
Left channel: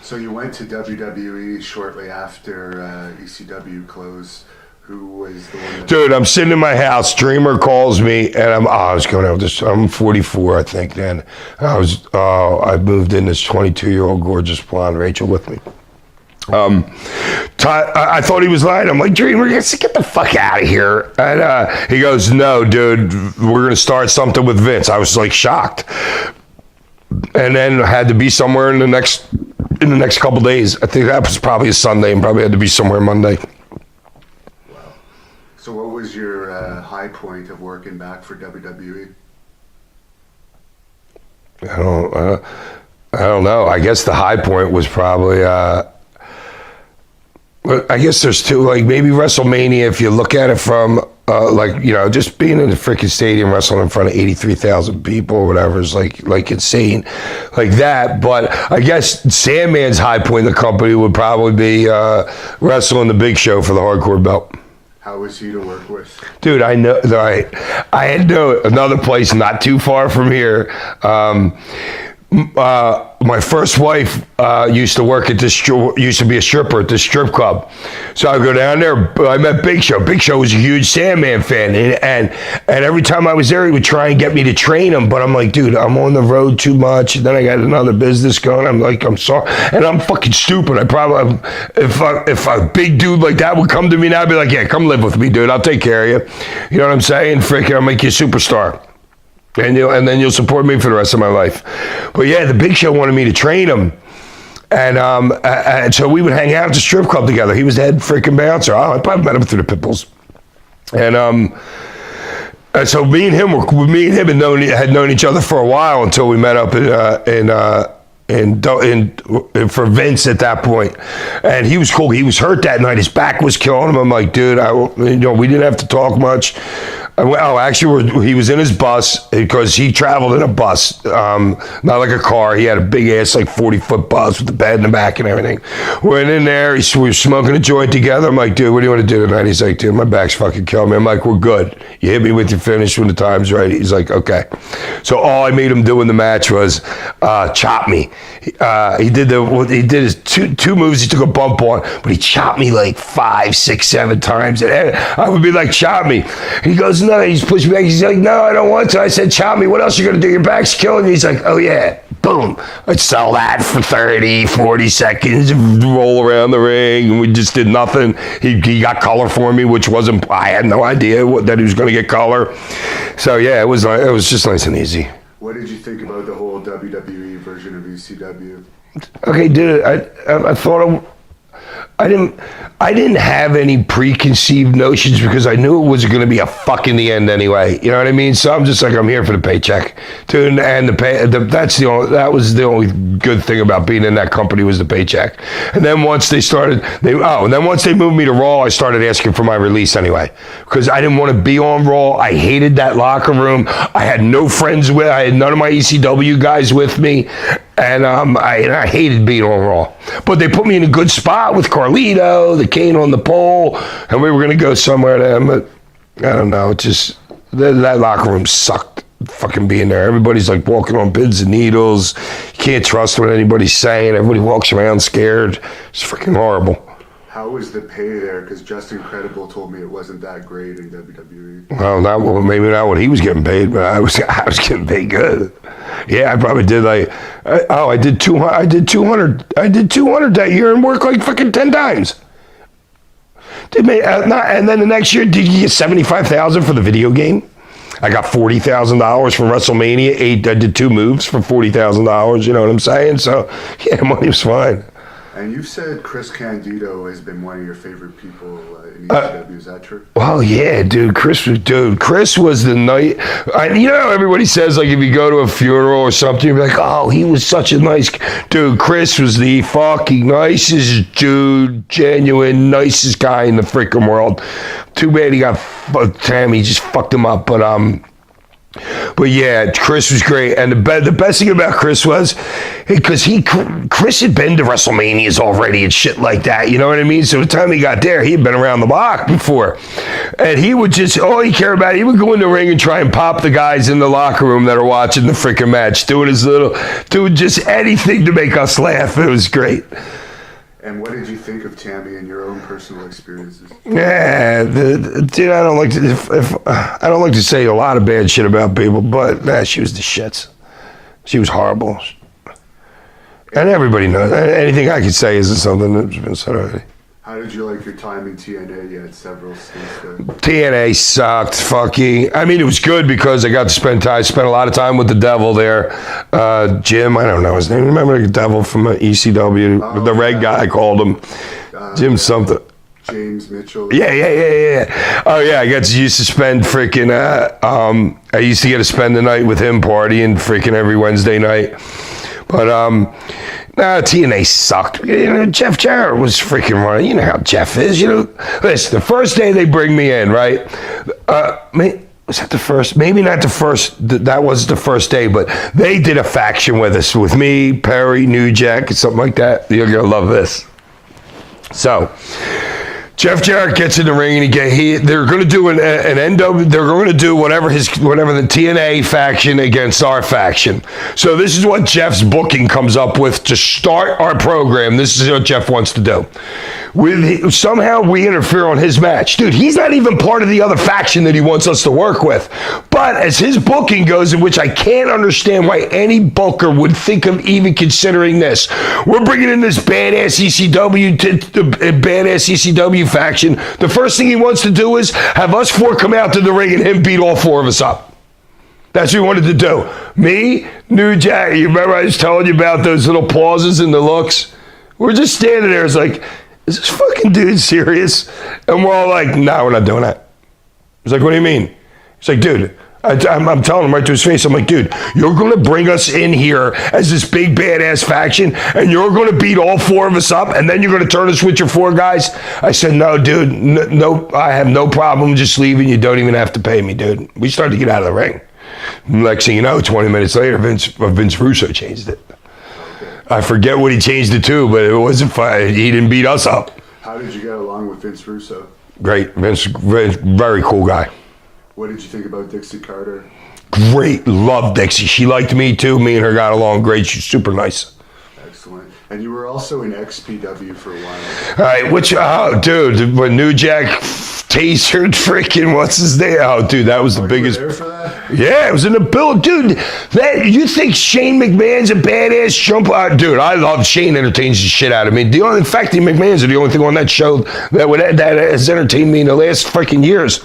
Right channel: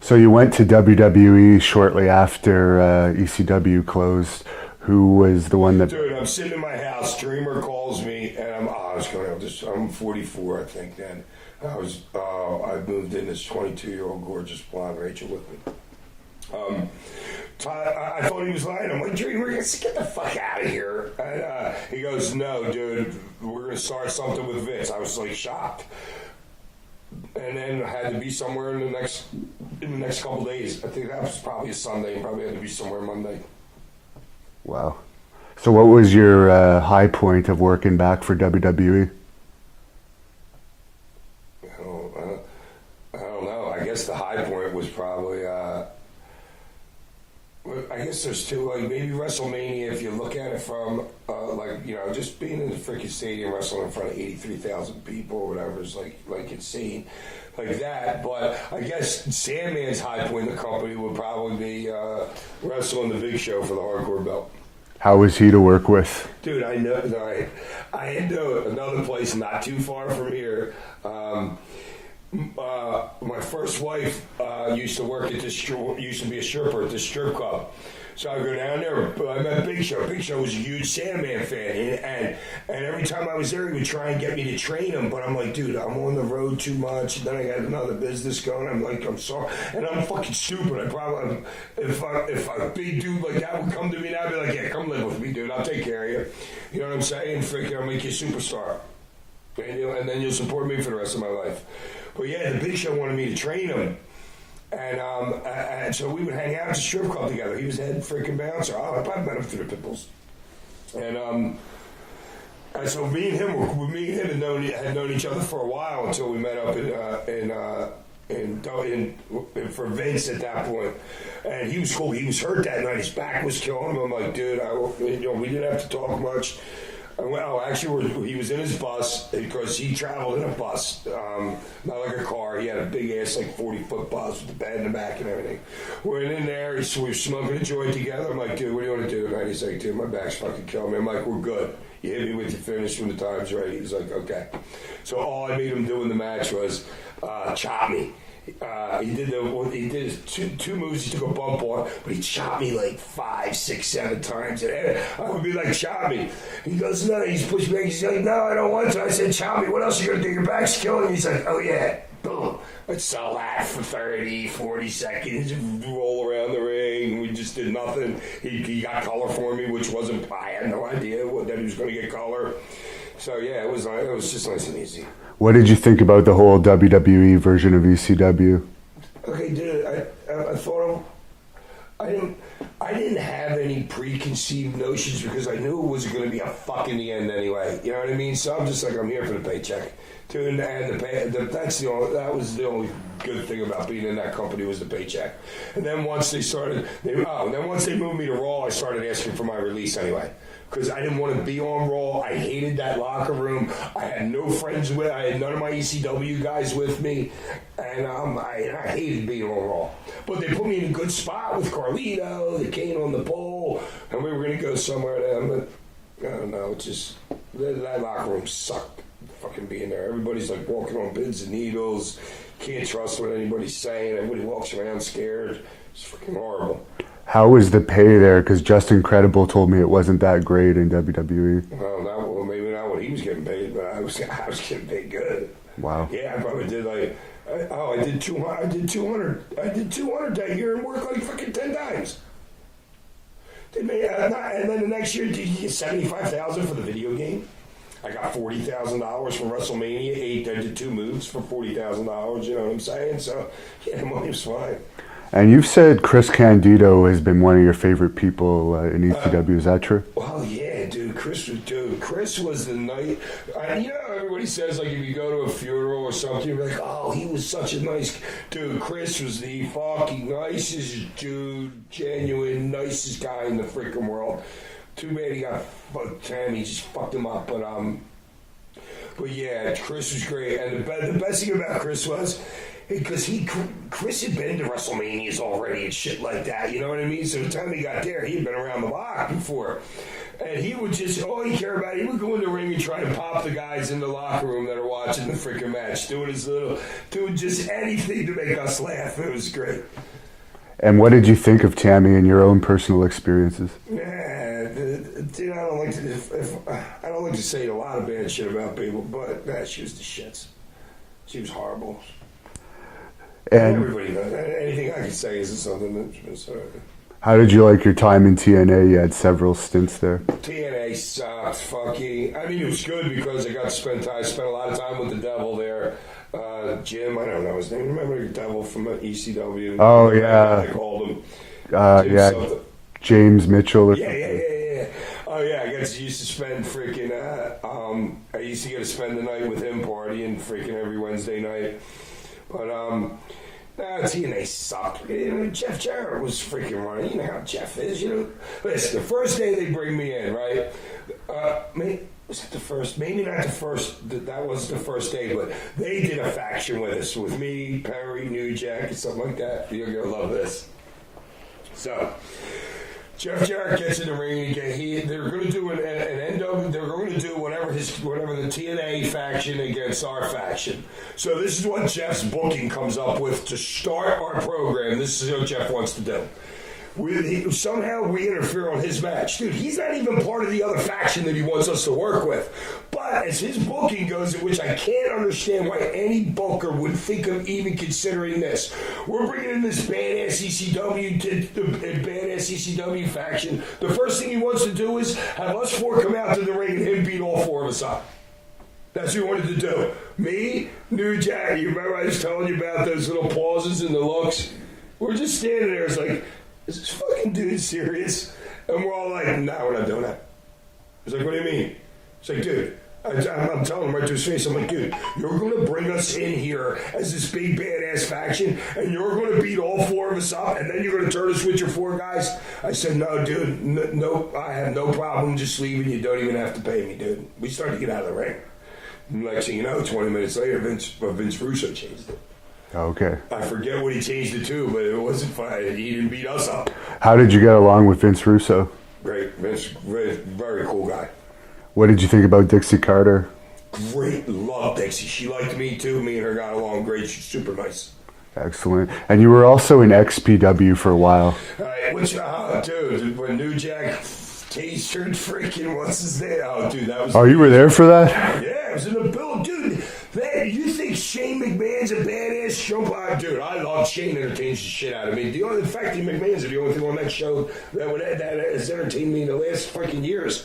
So you went to WWE shortly after ECW closed. Who was the one that... Dude, I'm sitting in my house. Dreamer calls me, and I was going out this. I'm 44, I think. Then I moved in this 22-year-old gorgeous blonde Rachel with me. I thought he was lying. I'm like, Dreamer, get the fuck out of here. And he goes, no, dude, we're going to start something with Vince. I was like shocked. And then I had to be somewhere in the next couple days. I think that was probably a Sunday, and probably had to be somewhere Monday. Wow. So what was your high point of working back for WWE? I don't know. I guess the high point was probably... I guess there's two, like maybe WrestleMania, if you look at it from just being in the freaking stadium wrestling in front of 83,000 people or whatever is like insane like that. But I guess Sandman's high point in the company would probably be wrestling the Big Show for the hardcore belt. How was he to work with? Dude, I know that I had another place not too far from here. My first wife used to work at used to be a stripper at this strip club. So I go down there, I met Big Show. Big Show was a huge Sandman fan. And every time I was there, he would try and get me to train him. But I'm like, dude, I'm on the road too much. And then I got another business going. I'm like, I'm sorry. And I'm fucking stupid. I probably, if a big dude like that would come to me now, I'd be like, yeah, come live with me, dude. I'll take care of you. You know what I'm saying? Freaking, I'll make you a superstar. And then you'll support me for the rest of my life. But yeah, the Big Show wanted me to train him. And so we would hang out at the strip club together. He was the head freaking bouncer. I probably met him through the Pitbulls. And so me and him had known each other for a while until we met up for Vince at that point. And he was cool. He was hurt that night. His back was killing him. I'm like, dude, we didn't have to talk much. Actually, he was in his bus because he traveled in a bus, not like a car. He had a big ass, like 40-foot bus with the bed in the back and everything. Went in there. We were smoking a joint together. I'm like, dude, what do you want to do tonight? He's like, dude, my back's fucking killing me. I'm like, we're good. You hit me with your finish when the time's right. He's like, okay. So all I made him do in the match was chop me. He did his two moves. He took a bump on, but he chopped me like 5, 6, 7 times. And I would be like, chop me. He goes, no. He's pushing me back. He's like, no, I don't want to. I said, chop me. What else are you going to do? Your back's killing me. He's like, oh yeah. Boom. I'd sell that for 30, 40 seconds, roll around the ring, and we just did nothing. He got color for me, which wasn't, I had no idea that he was going to get color. So yeah, it was just nice and easy. What did you think about the whole WWE version of ECW? Okay, dude, I thought I didn't have any preconceived notions because I knew it was going to be a fuck in the end anyway. You know what I mean? So I'm just like, I'm here for the paycheck, dude. And that was the only good thing about being in that company was the paycheck. And then once they moved me to Raw, I started asking for my release anyway because I didn't want to be on Raw. I hated that locker room. I had no friends I had none of my ECW guys with me. And I hated being on Raw. But they put me in a good spot with Carlito, the Kane on the pole, and we were going to go somewhere then. But I don't know. It just, that locker room sucked fucking being there. Everybody's like walking on pins and needles. You can't trust what anybody's saying. Everybody walks around scared. It's freaking horrible. How was the pay there? Because Justin Credible told me it wasn't that great in WWE. Well, maybe not what he was getting paid, but I was getting paid good. Wow. Yeah, I probably did I did 200. I did 200 that year and worked like fucking 10 times. And then the next year, did you get $75,000 for the video game? I got $40,000 from WrestleMania. I did 2 moves for $40,000. You know what I'm saying? So yeah, money was fine. And you've said Chris Candido has been one of your favorite people in ECW. Is that true? Well, yeah, dude. Chris was the night. You know how everybody says, like, if you go to a funeral or something, you're like, oh, he was such a nice dude. Chris was the fucking nicest dude, genuine, nicest guy in the freaking world. Too bad he got Tammy just fucked him up, but yeah, Chris was great, and the best thing about Chris was because Chris had been to WrestleManias already and shit like that. You know what I mean? So the time he got there, he had been around the block before, and he would just all he cared about. He would go in the ring and try and pop the guys in the locker room that are watching the freaking match, doing just anything to make us laugh. It was great. And what did you think of Tammy in your own personal experiences? Yeah, dude, I don't like to say a lot of bad shit about people, but she was the shits. She was horrible, and everybody knows. Anything I could say isn't something that's been said already. How did you like your time in TNA? You had several stints there. TNA sucked, fucking. I mean, it was good because I got to spend a lot of time with the devil there. Jim, I don't know his name. Remember the devil from ECW? Oh, the red guy, I called him. Jim something. James Mitchell. Yeah. Oh yeah, I used to spend freaking. I used to get to spend the night with him partying freaking every Wednesday night. But TNA sucked. You know, Jeff Jarrett was freaking running. You know how Jeff is. You know, listen. The first day they bring me in, right? Was that the first? Maybe not the first. That was the first day, but they did a faction with us, with me, Perry, New Jack, something like that. You're gonna love this. So, Jeff Jarrett gets in the ring and they're going to do an NW. They're going to do whatever the TNA faction against our faction. So this is what Jeff's booking comes up with to start our program. This is what Jeff wants to do. Somehow we interfere on his match. Dude, he's not even part of the other faction that he wants us to work with. But as his booking goes, in which I can't understand why any booker would think of even considering this. We're bringing in this badass ECW faction. The first thing he wants to do is have us 4 come out to the ring and him beat all 4 of us up. That's what he wanted to do. Me, New Jack, you remember I was telling you about those little pauses and the looks? We're just standing there. It's like, is this fucking dude serious? And we're all like, no, we're not doing that. He's like, what do you mean? He's like, dude, I'm telling him right to his face. I'm like, dude, you're going to bring us in here as this big badass faction and you're going to beat all 4 of us up and then you're going to turn us with your 4 guys? I said, no, dude, no, I have no problem just leaving. You don't even have to pay me, dude. We started to get out of the ring. Next thing you know, 20 minutes later, Vince Russo changed it. Okay. I forget what he changed it to, but it wasn't fun. He didn't beat us up. How did you get along with Vince Russo? Great. Vince, very cool guy. What did you think about Dixie Carter? Great. Loved Dixie. She liked me too. Me and her got along great. She's super nice. Excellent. And you were also in XPW for a while. All right. Dude, when New Jack tasered freaking, what's his name? Oh, dude, that was the biggest. You were there for that? Yeah, it was in the build. Dude, you think Shane McMahon's a badass jump? Dude, I love Shane entertains the shit out of me. In fact, the McMahons are the only thing on that show that has entertained me in the last freaking years.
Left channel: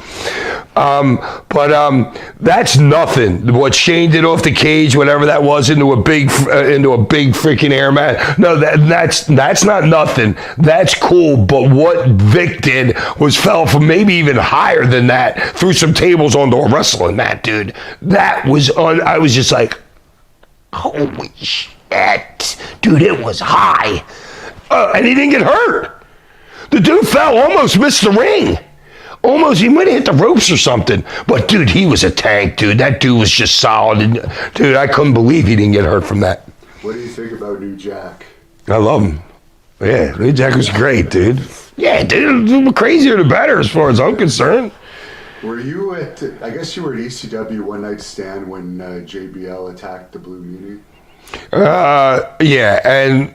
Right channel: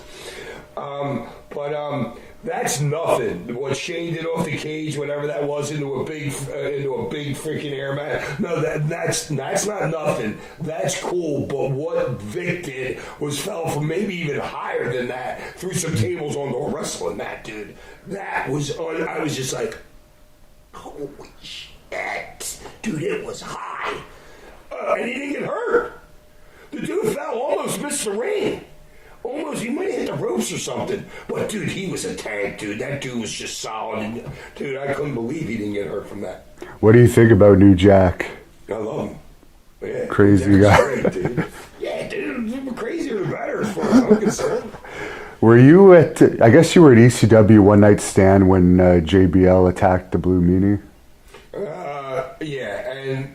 That's nothing. What Shane did off the cage, whatever that was, into a big freaking air mat. No, that's not nothing. That's cool. But what Vic did was fell from maybe even higher than that through some tables onto a wrestling mat, dude. That was I was just like, holy shit, dude! It was high, and he didn't get hurt. The dude fell, almost missed the ring. Almost, he might have hit the ropes or something. But, dude, he was a tank, dude. That dude was just solid. And, dude, I couldn't believe he didn't get hurt from that. What do you think about New Jack? I love him. Yeah, New Jack was great, dude. Yeah, dude, the crazier the better as far as I'm concerned. Were you I guess you were at ECW One Night Stand when JBL attacked the Blue Meanie? Yeah, and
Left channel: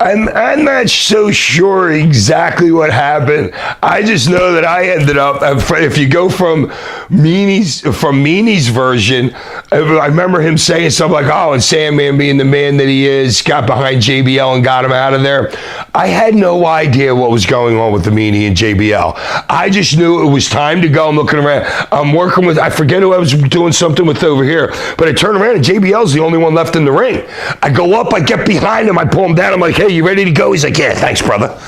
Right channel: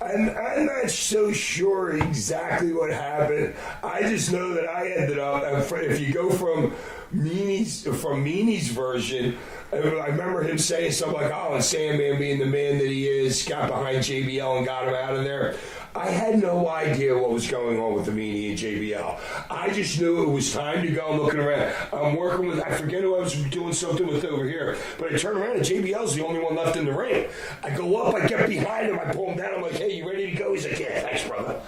I'm not so sure exactly what happened. I just know that I ended up, if you go from Meanie's version, I remember him saying something like, oh, and Sandman being the man that he is, got behind JBL and got him out of there. I had no idea what was going on with the Meanie and JBL. I just knew it was time to go. I'm looking around. I'm working with, I forget who I was doing something with over here, but I turn around and JBL's the only one left in the ring. I go up, I get behind him, I pull him down. I'm like, hey, you ready to go? He's like, yeah, thanks, brother.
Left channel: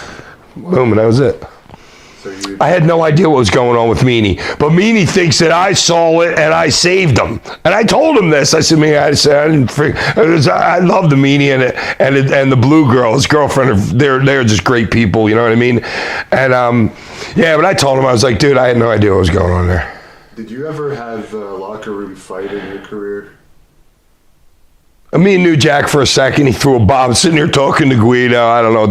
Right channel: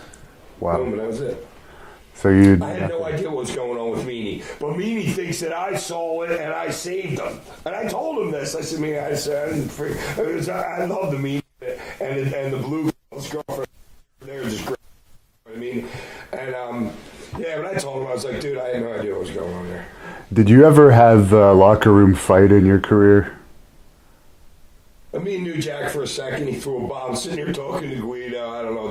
Wow. Boom, and that was it. So I had no idea what was going on with Meanie, but Meanie thinks that I saw it and I saved him. And I told him this. I said, I love the Meanie and the Blue Girl, his girlfriend. They're just great people. You know what I mean? And yeah, but I told him, I was like, dude, I had no idea what was going on there. Did you ever have a locker room fight in your career? Me and New Jack for a second, he threw a bottle. I'm sitting here talking to Guido. I don't know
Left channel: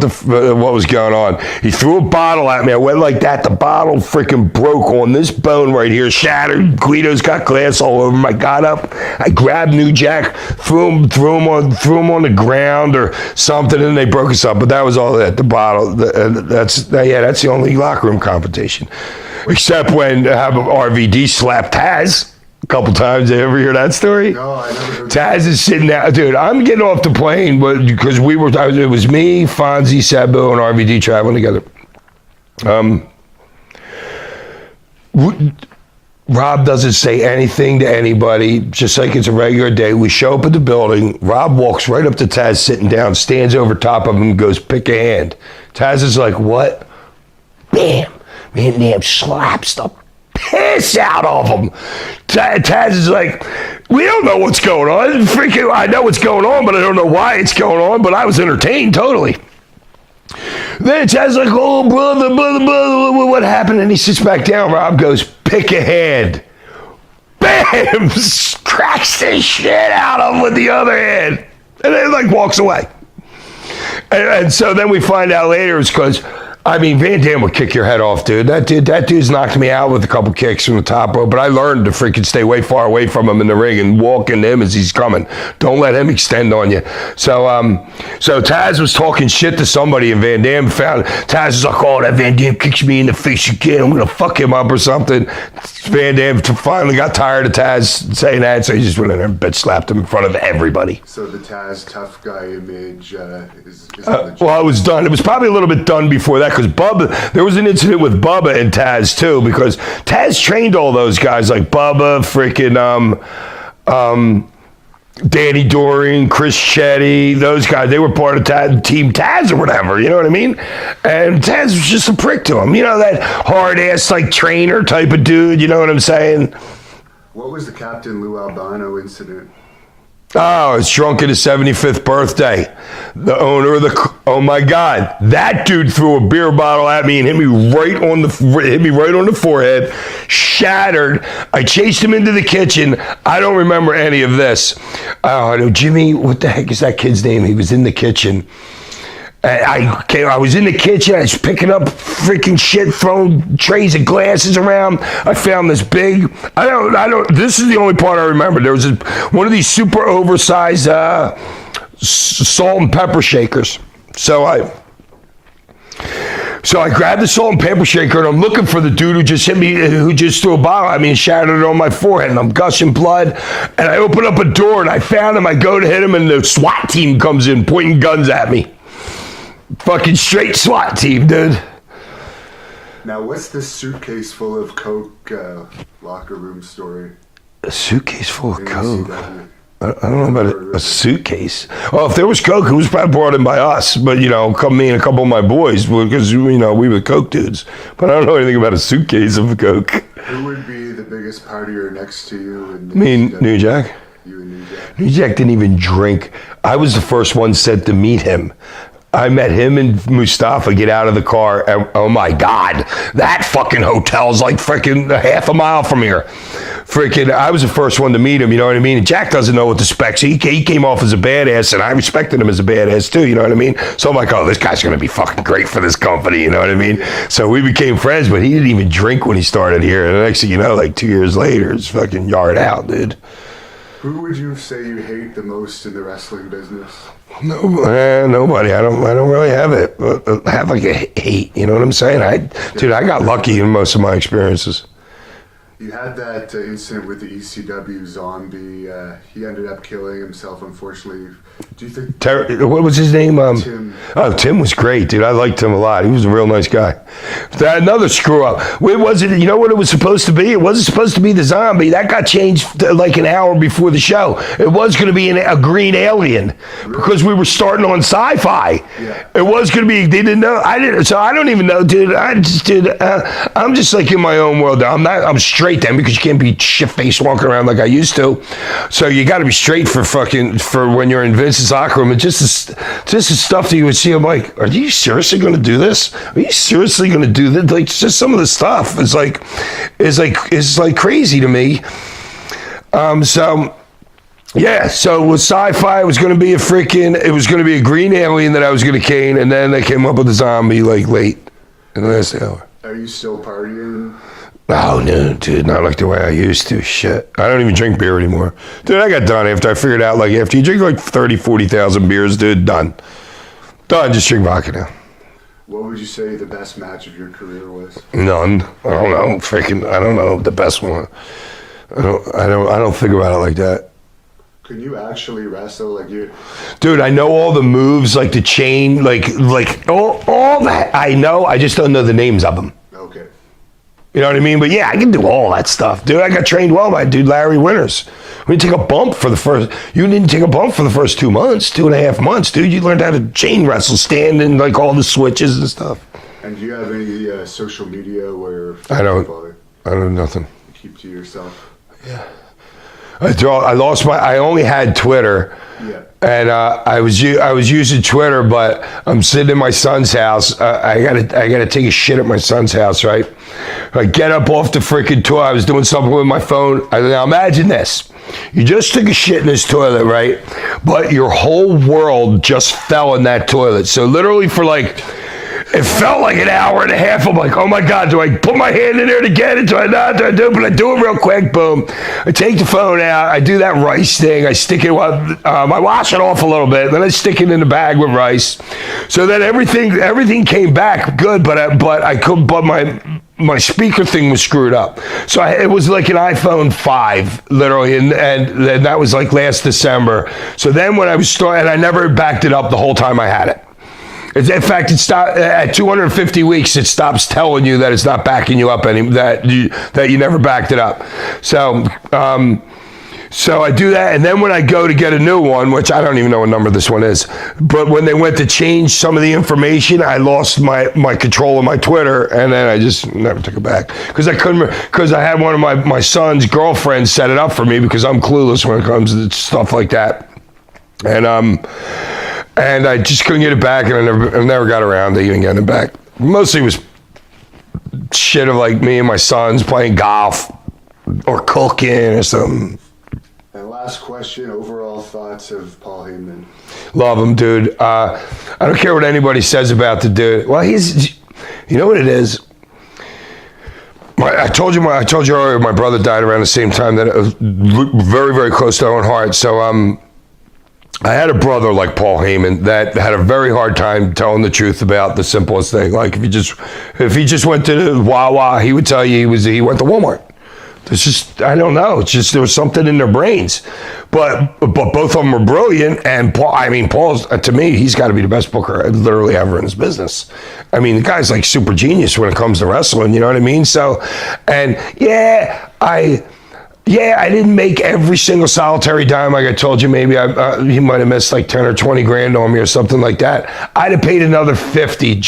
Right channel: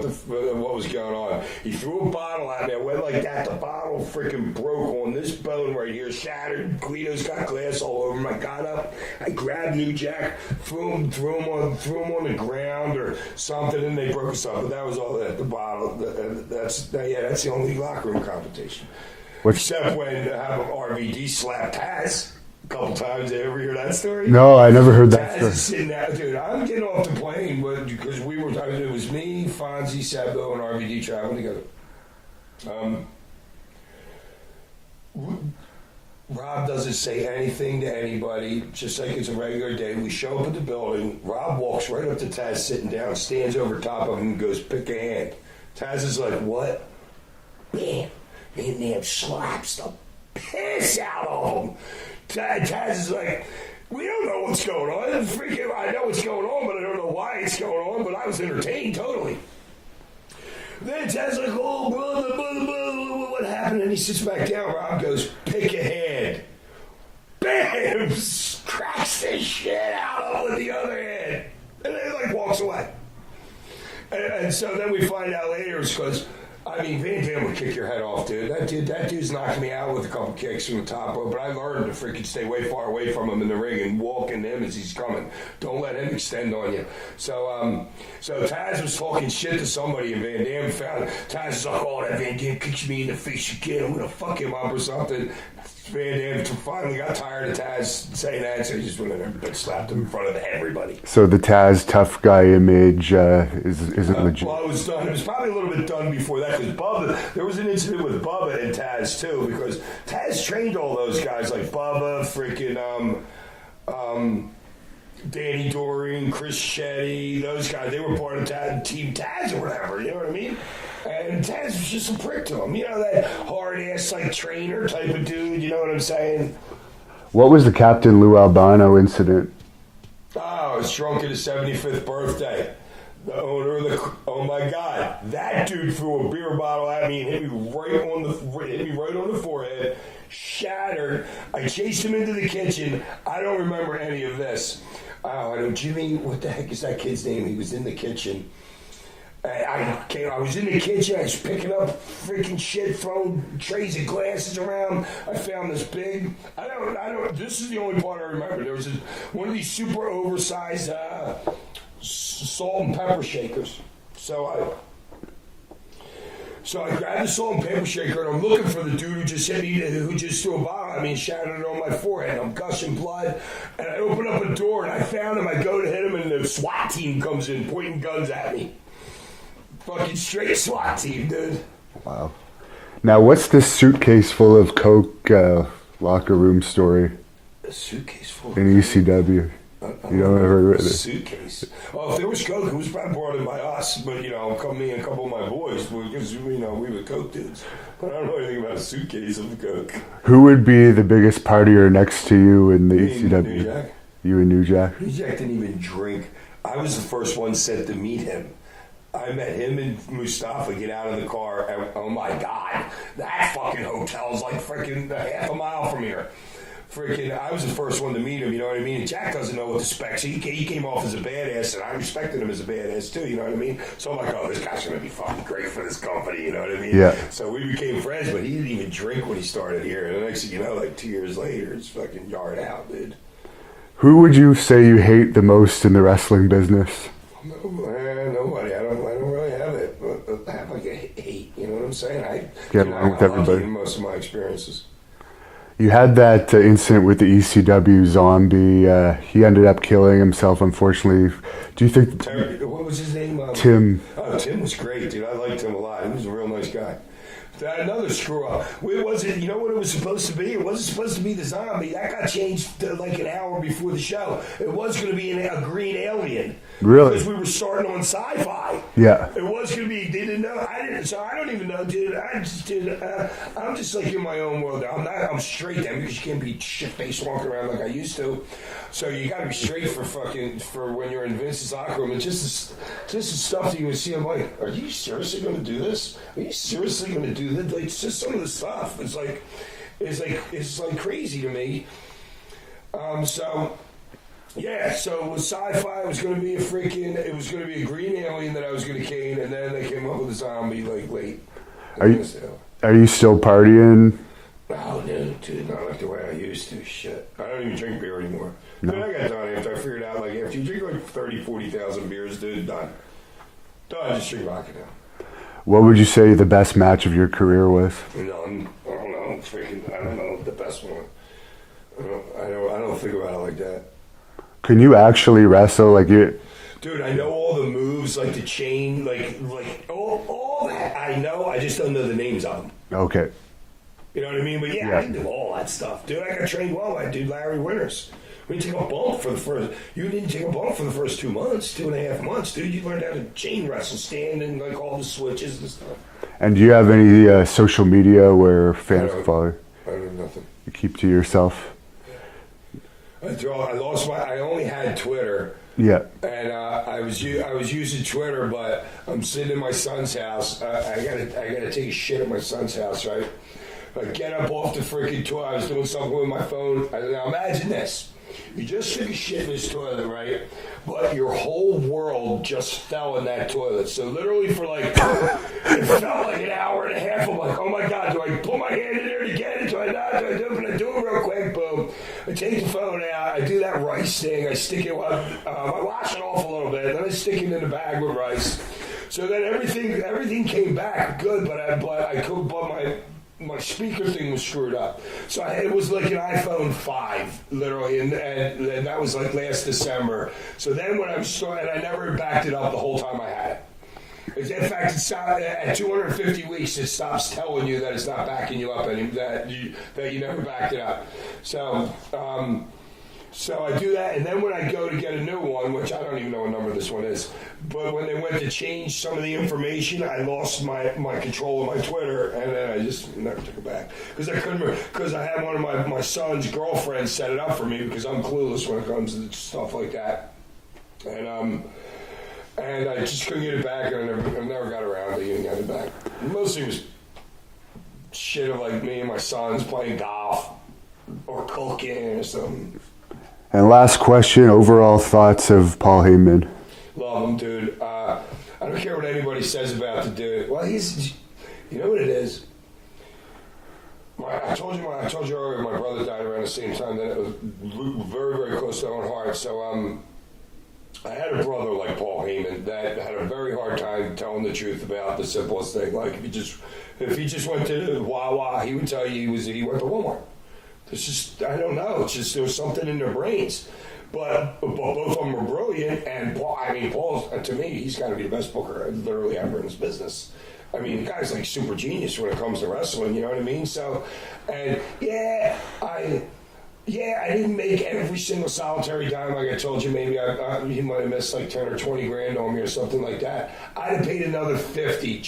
what was going on. He threw a bottle at me. I went like that. The bottle freaking broke on this bone right here, shattered. Guido's got glass all over him. I got up. I grabbed New Jack, threw him on the ground or something, and they broke us up. But that was all that. The bottle. That's the only locker room confrontation. Except when RVD slapped Taz. A couple times. Did you ever hear that story? No, I never heard that. Taz is sitting there. Dude, I'm getting off the plane because it was me, Fonzie, Sabu, and RVD traveling together. Rob doesn't say anything to anybody, just like it's a regular day. We show up at the building. Rob walks right up to Taz sitting down, stands over top of him, and goes, pick a hand. Taz is like, what? Bam. Man, damn, slaps the piss out of him. Taz is like, we don't know what's going on. Freaking, I know what's going on, but I don't know why it's going on. But I was entertained totally. Then Taz's like, oh, brother, what happened? And he sits back down. Rob goes, pick a hand. Bam! Cracks the shit out of him with the other hand. And then like walks away. And so then we find out later it's because, I mean, Van Dam would kick your head off, dude. That dude's knocked me out with a couple kicks from the top rope, but I learned to freaking stay way far away from him in the ring and walk into him as he's coming. Don't let him extend on you. So Taz was talking shit to somebody, and Van Dam found Taz was like, oh, that Van Dam kicks me in the face again. I'm gonna fuck him up or something. Van Dam finally got tired of Taz saying that, so he just went in there and bitch slapped him in front of everybody. So the Taz tough guy image is it legit? Well, it was done. It was probably a little bit done before that, because Bubba, there was an incident with Bubba and Taz too, because Taz trained all those guys like Bubba, freaking Danny Doring, Chris Chetty, those guys. They were part of Team Taz or whatever, you know what I mean? And Taz was just a prick to him. You know, that hard-ass like trainer type of dude, you know what I'm saying? What was the Captain Lou Albano incident? Oh, it's drunk at his 75th birthday. The owner of oh my God, that dude threw a beer bottle at me and hit me right on the forehead, shattered. I chased him into the kitchen. I don't remember any of this. I know Jimmy, what the heck is that kid's name? He was in the kitchen. I was in the kitchen. I was picking up freaking shit, throwing trays of glasses around. I found this big. I don't. This is the only part I remember. There was one of these super oversized salt and pepper shakers. So I grabbed the salt and pepper shaker, and I'm looking for the dude who just hit me, who just threw a bottle at me and shattered it on my forehead, and I'm gushing blood. And I open up a door, and I found him. I go to hit him, and the SWAT team comes in, pointing guns at me. Fucking straight SWAT team, dude. Now, what's this suitcase full of coke locker room story? A suitcase full of in coke? ECW. I don't know about a suitcase. Well, if there was coke, it was probably brought in by us. But, you know, me and a couple of my boys, because, you know, we were coke dudes. But I don't know anything about a suitcase of coke. Who would be the biggest partier next to you in the ECW? New Jack. You and New Jack? New Jack didn't even drink. I was the first one sent to meet him. I met him and Mustafa get out of the car, and oh my God, that fucking hotel's like freaking half a mile from here. Freaking, I was the first one to meet him, you know what I mean? And Jack doesn't know what the specs. He came off as a badass, and I respected him as a badass too, you know what I mean? So I'm like, oh, this guy's gonna be fucking great for this company, you know what I mean? Yeah. So we became friends, but he didn't even drink when he started here. And the next thing you know, like 2 years later, it's fucking yard out, dude. Who would you say you hate the most in the wrestling business? Nobody. I don't really have it. Have like a hate. You know what I'm saying? I got lucky in most of my experiences. You had that incident with the ECW zombie. He ended up killing himself, unfortunately. Do you think... What was his name? Tim. Oh, Tim was great, dude. I liked him a lot. He was a real nice guy. Another screw up. What was it? You know what it was supposed to be? It wasn't supposed to be the zombie. That got changed like an hour before the show. It was going to be a green alien. Really? Because we were starting on sci-fi. Yeah. It was going to be, they didn't know. I didn't, so I don't even know, dude. I'm just like in my own world. I'm straight then because you can't be shit-faced walking around like I used to. So you got to be straight for when you're in Vince's locker room. And just the stuff that you would see, I'm like, are you seriously going to do this? Are you seriously going to do this? Like, just some of the stuff is like crazy to me. So with sci-fi, it was going to be a green alien that I was going to cane, and then they came up with a zombie like late in the last hour. Are you still partying? Oh, no, dude, not like the way I used to. Shit. I don't even drink beer anymore. Dude, I got done after I figured out, like, after you drink like 30, 40,000 beers, dude, done. Just drink vodka now. What would you say the best match of your career was? None. I don't know. I don't know the best one. I don't think about it like that. Can you actually wrestle like you? Dude, I know all the moves, like the chain, like all that. I know. I just don't know the names of them. Okay. You know what I mean? But yeah, I can do all that stuff, dude. I got trained well by dude Larry Winters. We didn't take a bump for the first. You didn't take a bump for the first 2 months, 2.5 months, dude. You learned how to chain wrestle, stand in like all the switches and stuff. And do you have any social media where fans I don't follow? I don't know nothing. You keep to yourself. Yeah. I only had Twitter. Yeah. And I was using Twitter, but I'm sitting in my son's house. I gotta take a shit at my son's house, right? I get up off the freaking toilet. I was doing something with my phone. Now imagine this. You just took a shit in this toilet, right? But your whole world just fell in that toilet. So literally for like, it felt like an hour and a half. I'm like, oh my God, do I put my hand in there to get it? Do I not? Do I do it? But I do it real quick, boom. I take the phone out. I do that rice thing. I stick it, I wash it off a little bit. Then I stick it in the bag with rice. So then everything came back good, but my speaker thing was screwed up. So it was like an iPhone 5, literally, and that was like last December. So then when I was and I never backed it up the whole time I had it. In fact, it stopped at 250 weeks. It stops telling you that it's not backing you up that you never backed it up. So I do that, and then when I go to get a new one, which I don't even know what number this one is, but when they went to change some of the information, I lost my control of my Twitter, and then I just never took it back because I had one of my son's girlfriends set it up for me because I'm clueless when it comes to stuff like that, and I just couldn't get it back, and I never got around to even getting it back. Mostly it was shit of like me and my sons playing golf or cooking or something. And last question, overall thoughts of Paul Heyman? Love him, dude. I don't care what anybody says about the dude. Well, you know what it is? I told you earlier, my brother died around the same time that it was very, very close to Owen Hart. So I had a brother like Paul Heyman that had a very hard time telling the truth about the simplest thing. Like if he just went to Wawa, he would tell you he went to Walmart. It's just, I don't know. It's just there was something in their brains. But both of them were brilliant. And Paul's, to me, he's got to be the best booker literally ever in his business. I mean, the guy's like super genius when it comes to wrestling, you know what I mean? So, and I didn't make every single solitary dime. Like I told you, maybe he might have missed like 10 or 20 grand on me or something like that. I'd have paid another 50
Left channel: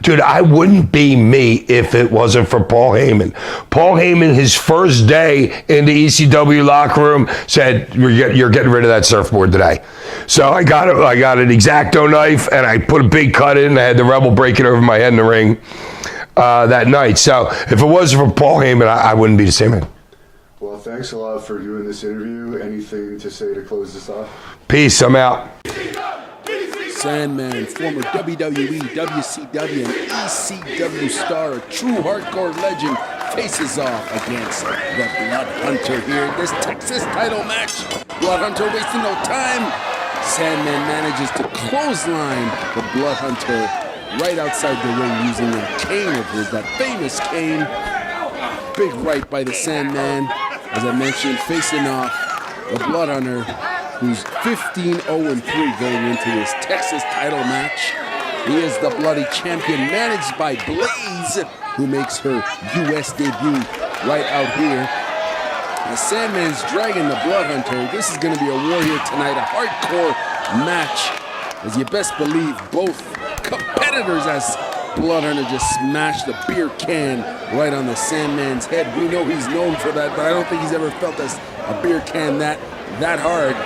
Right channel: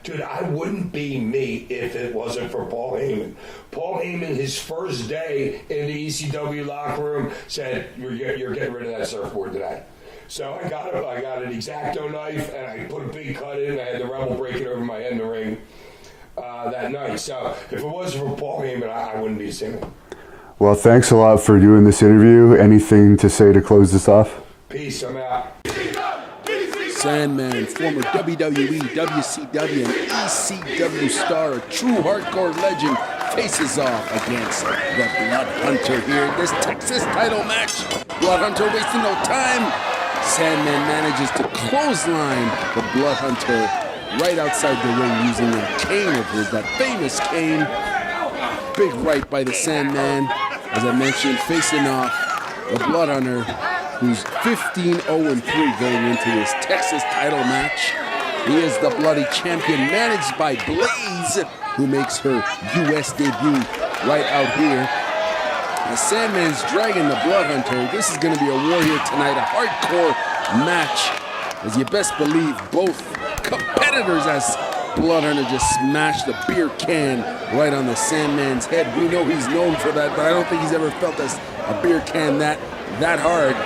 dude, I wouldn't be me if it wasn't for Paul Heyman. Paul Heyman, his first day in the ECW locker room, said, you're getting rid of that surfboard today. So I got an X-Acto knife and I put a big cut in and I had the Rebel break it over my head in the ring that night. So if it wasn't for Paul Heyman, I wouldn't be the same man. Well, thanks a lot for doing this interview. Anything to say to close this off? Peace, I'm out. Sandman, former WWE, WCW, and ECW star, a true hardcore legend, faces off against the Blood Hunter here in this Texas title match. Blood Hunter wasting no time. Sandman manages to clothesline the Blood Hunter right outside the ring using a cane of his, that famous cane. big right by the Sandman. As I mentioned, facing off the Blood Hunter, who's 15-0-3 going into this Texas title match. He is the bloody champion, managed by Blaze, who makes her U.S. debut right out here. The Sandman's dragging the Blood Hunter. This is going to be a war here tonight, a hardcore match. As you best believe, both competitors, as Blood Hunter just smashed the beer can right on the Sandman's head. We know he's known for that, but I don't think he's ever felt a beer can that hard.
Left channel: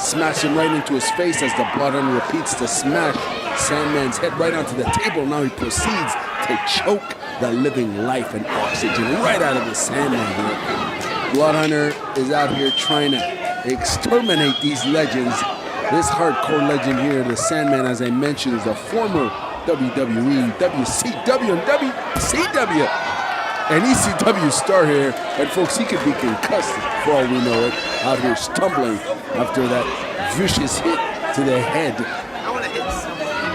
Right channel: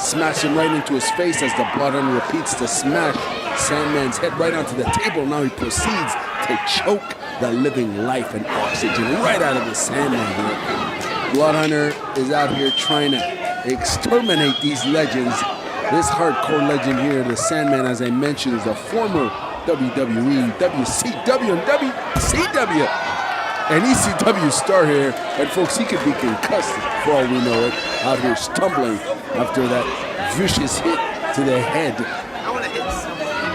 Smash him right into his face as the Blood Hunter repeats to smash Sandman's head right onto the table. Now he proceeds to choke the living life and oxygen right out of the Sandman here. Blood Hunter is out here trying to exterminate these legends. This hardcore legend here, the Sandman, as I mentioned, is a former WWE, WCW, and WCW, and ECW star here. And folks, he could be concussed for all we know it, out here stumbling after that vicious hit to the head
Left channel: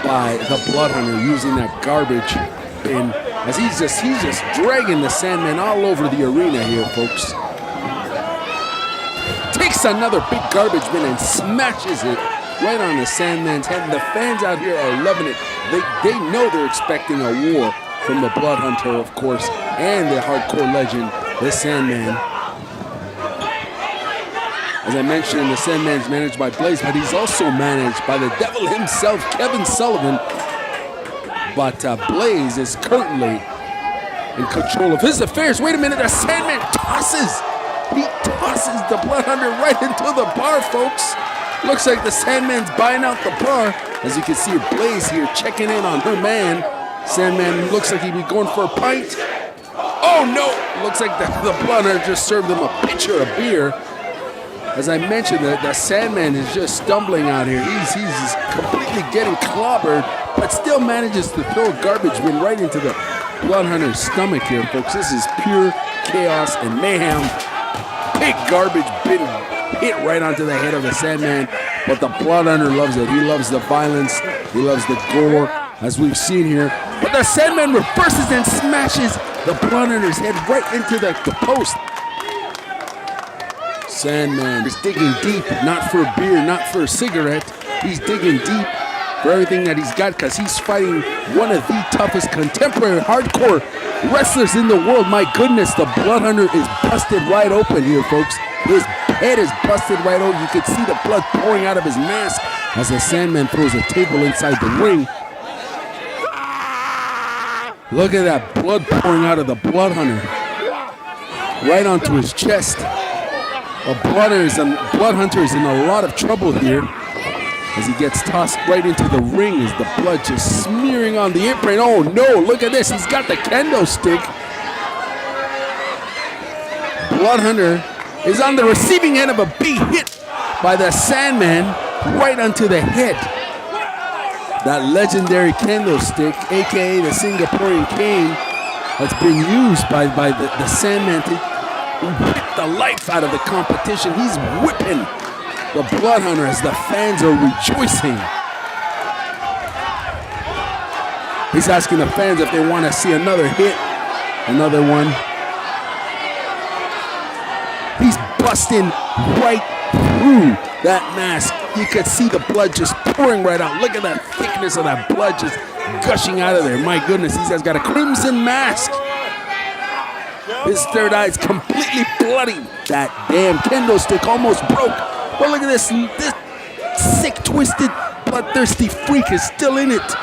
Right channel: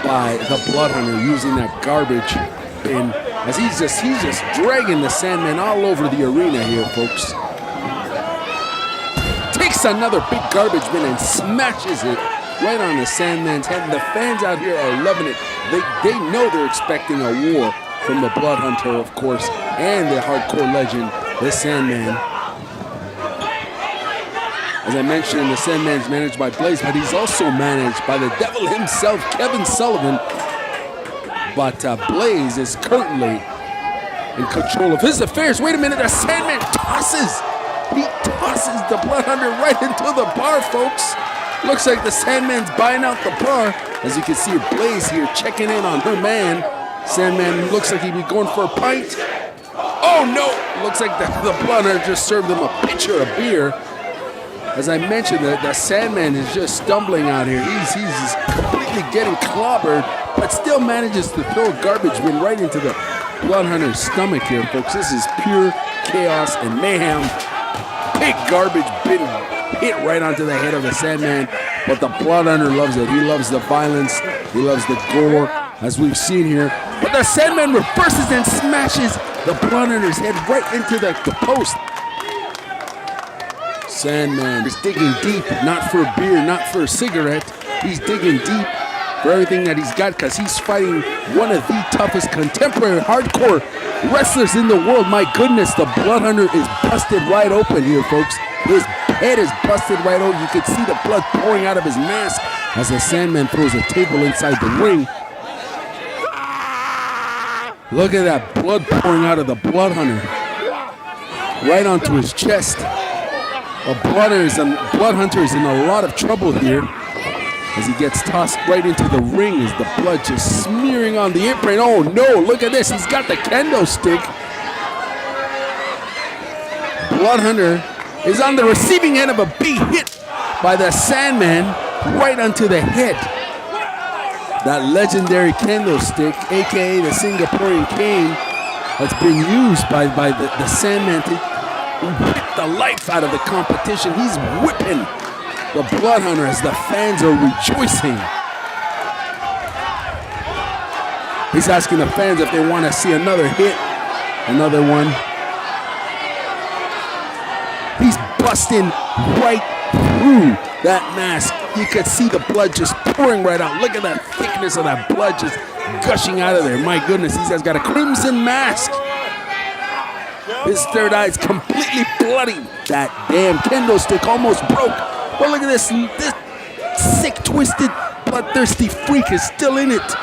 by the Blood Hunter using that garbage bin. As he's just dragging the Sandman all over the arena here, folks. Takes another big garbage bin and smashes it right on the Sandman's head. And the fans out here are loving it. They know they're expecting a war from the Blood Hunter, of course, and the hardcore legend, the Sandman. As I mentioned, the Sandman's managed by Blaze, but he's also managed by the devil himself, Kevin Sullivan. But Blaze is currently in control of his affairs. Wait a minute, the Sandman tosses the Blood Hunter right into the bar, folks. Looks like the Sandman's buying out the bar. As you can see, Blaze here checking in on her man. Sandman looks like he'd be going for a pint. Oh no! Looks like the Blood Hunter just served him a pitcher of beer. As I mentioned, the Sandman is just stumbling out here. He's completely getting clobbered, but still manages to throw a garbage bin right into the Blood Hunter's stomach here, folks. This is pure chaos and mayhem. Big garbage bin hit right onto the head of the Sandman, but the Blood Hunter loves it. He loves the violence. He loves the gore, as we've seen here. But the Sandman reverses and smashes the Blood Hunter's head right into the post. Sandman is digging deep, not for a beer, not for a cigarette. He's digging deep for everything that he's got, because he's fighting one of the toughest contemporary hardcore wrestlers in the world. My goodness, the Blood Hunter is busted right open here, folks. His head is busted right open. You can see the blood pouring out of his mask as the Sandman throws a table inside the ring. Look at that blood pouring out of the Blood Hunter right onto his chest. The Blood Hunter is in a lot of trouble here as he gets tossed right into the ring as the blood just smearing on the apron. Oh no, look at this. He's got the kendo stick. Blood Hunter is on the receiving end of a big hit by the Sandman right onto the head. That legendary kendo stick, aka the Singaporean cane, that's been used by the Sandman to whip the life out of the competition. He's whipping the Blood Hunter as the fans are rejoicing. He's asking the fans if they want to see another hit, another one. He's busting right through that mask. You could see the blood just pouring right out. Look at that thickness of that blood just gushing out of there. My goodness, he's got a crimson mask. His third eye is completely bloody. That damn kendo stick almost broke. But look at this sick, twisted, bloodthirsty freak is still in it.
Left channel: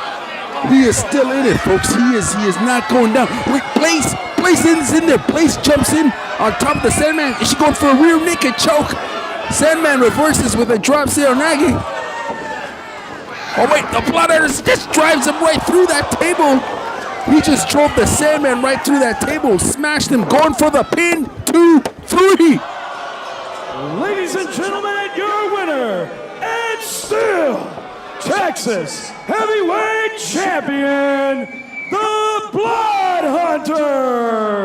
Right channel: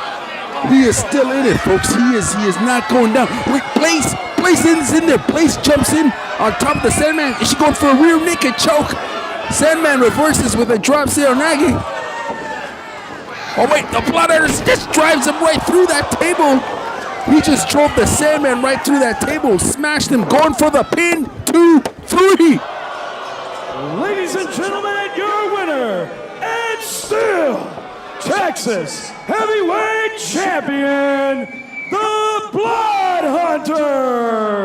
He is still in it, folks. He is not going down. Wait, Blaze is in there. Blaze jumps in on top of the Sandman. Is she going for a rear naked choke? Sandman reverses with a drop Seoranagi. Oh wait, the Blood Hunter just drives him right through that table. He just drove the Sandman right through that table, smashed him, going for the pin. 2, 3. Ladies and gentlemen, your winner, and still Texas Heavyweight Champion, the Blood Hunter.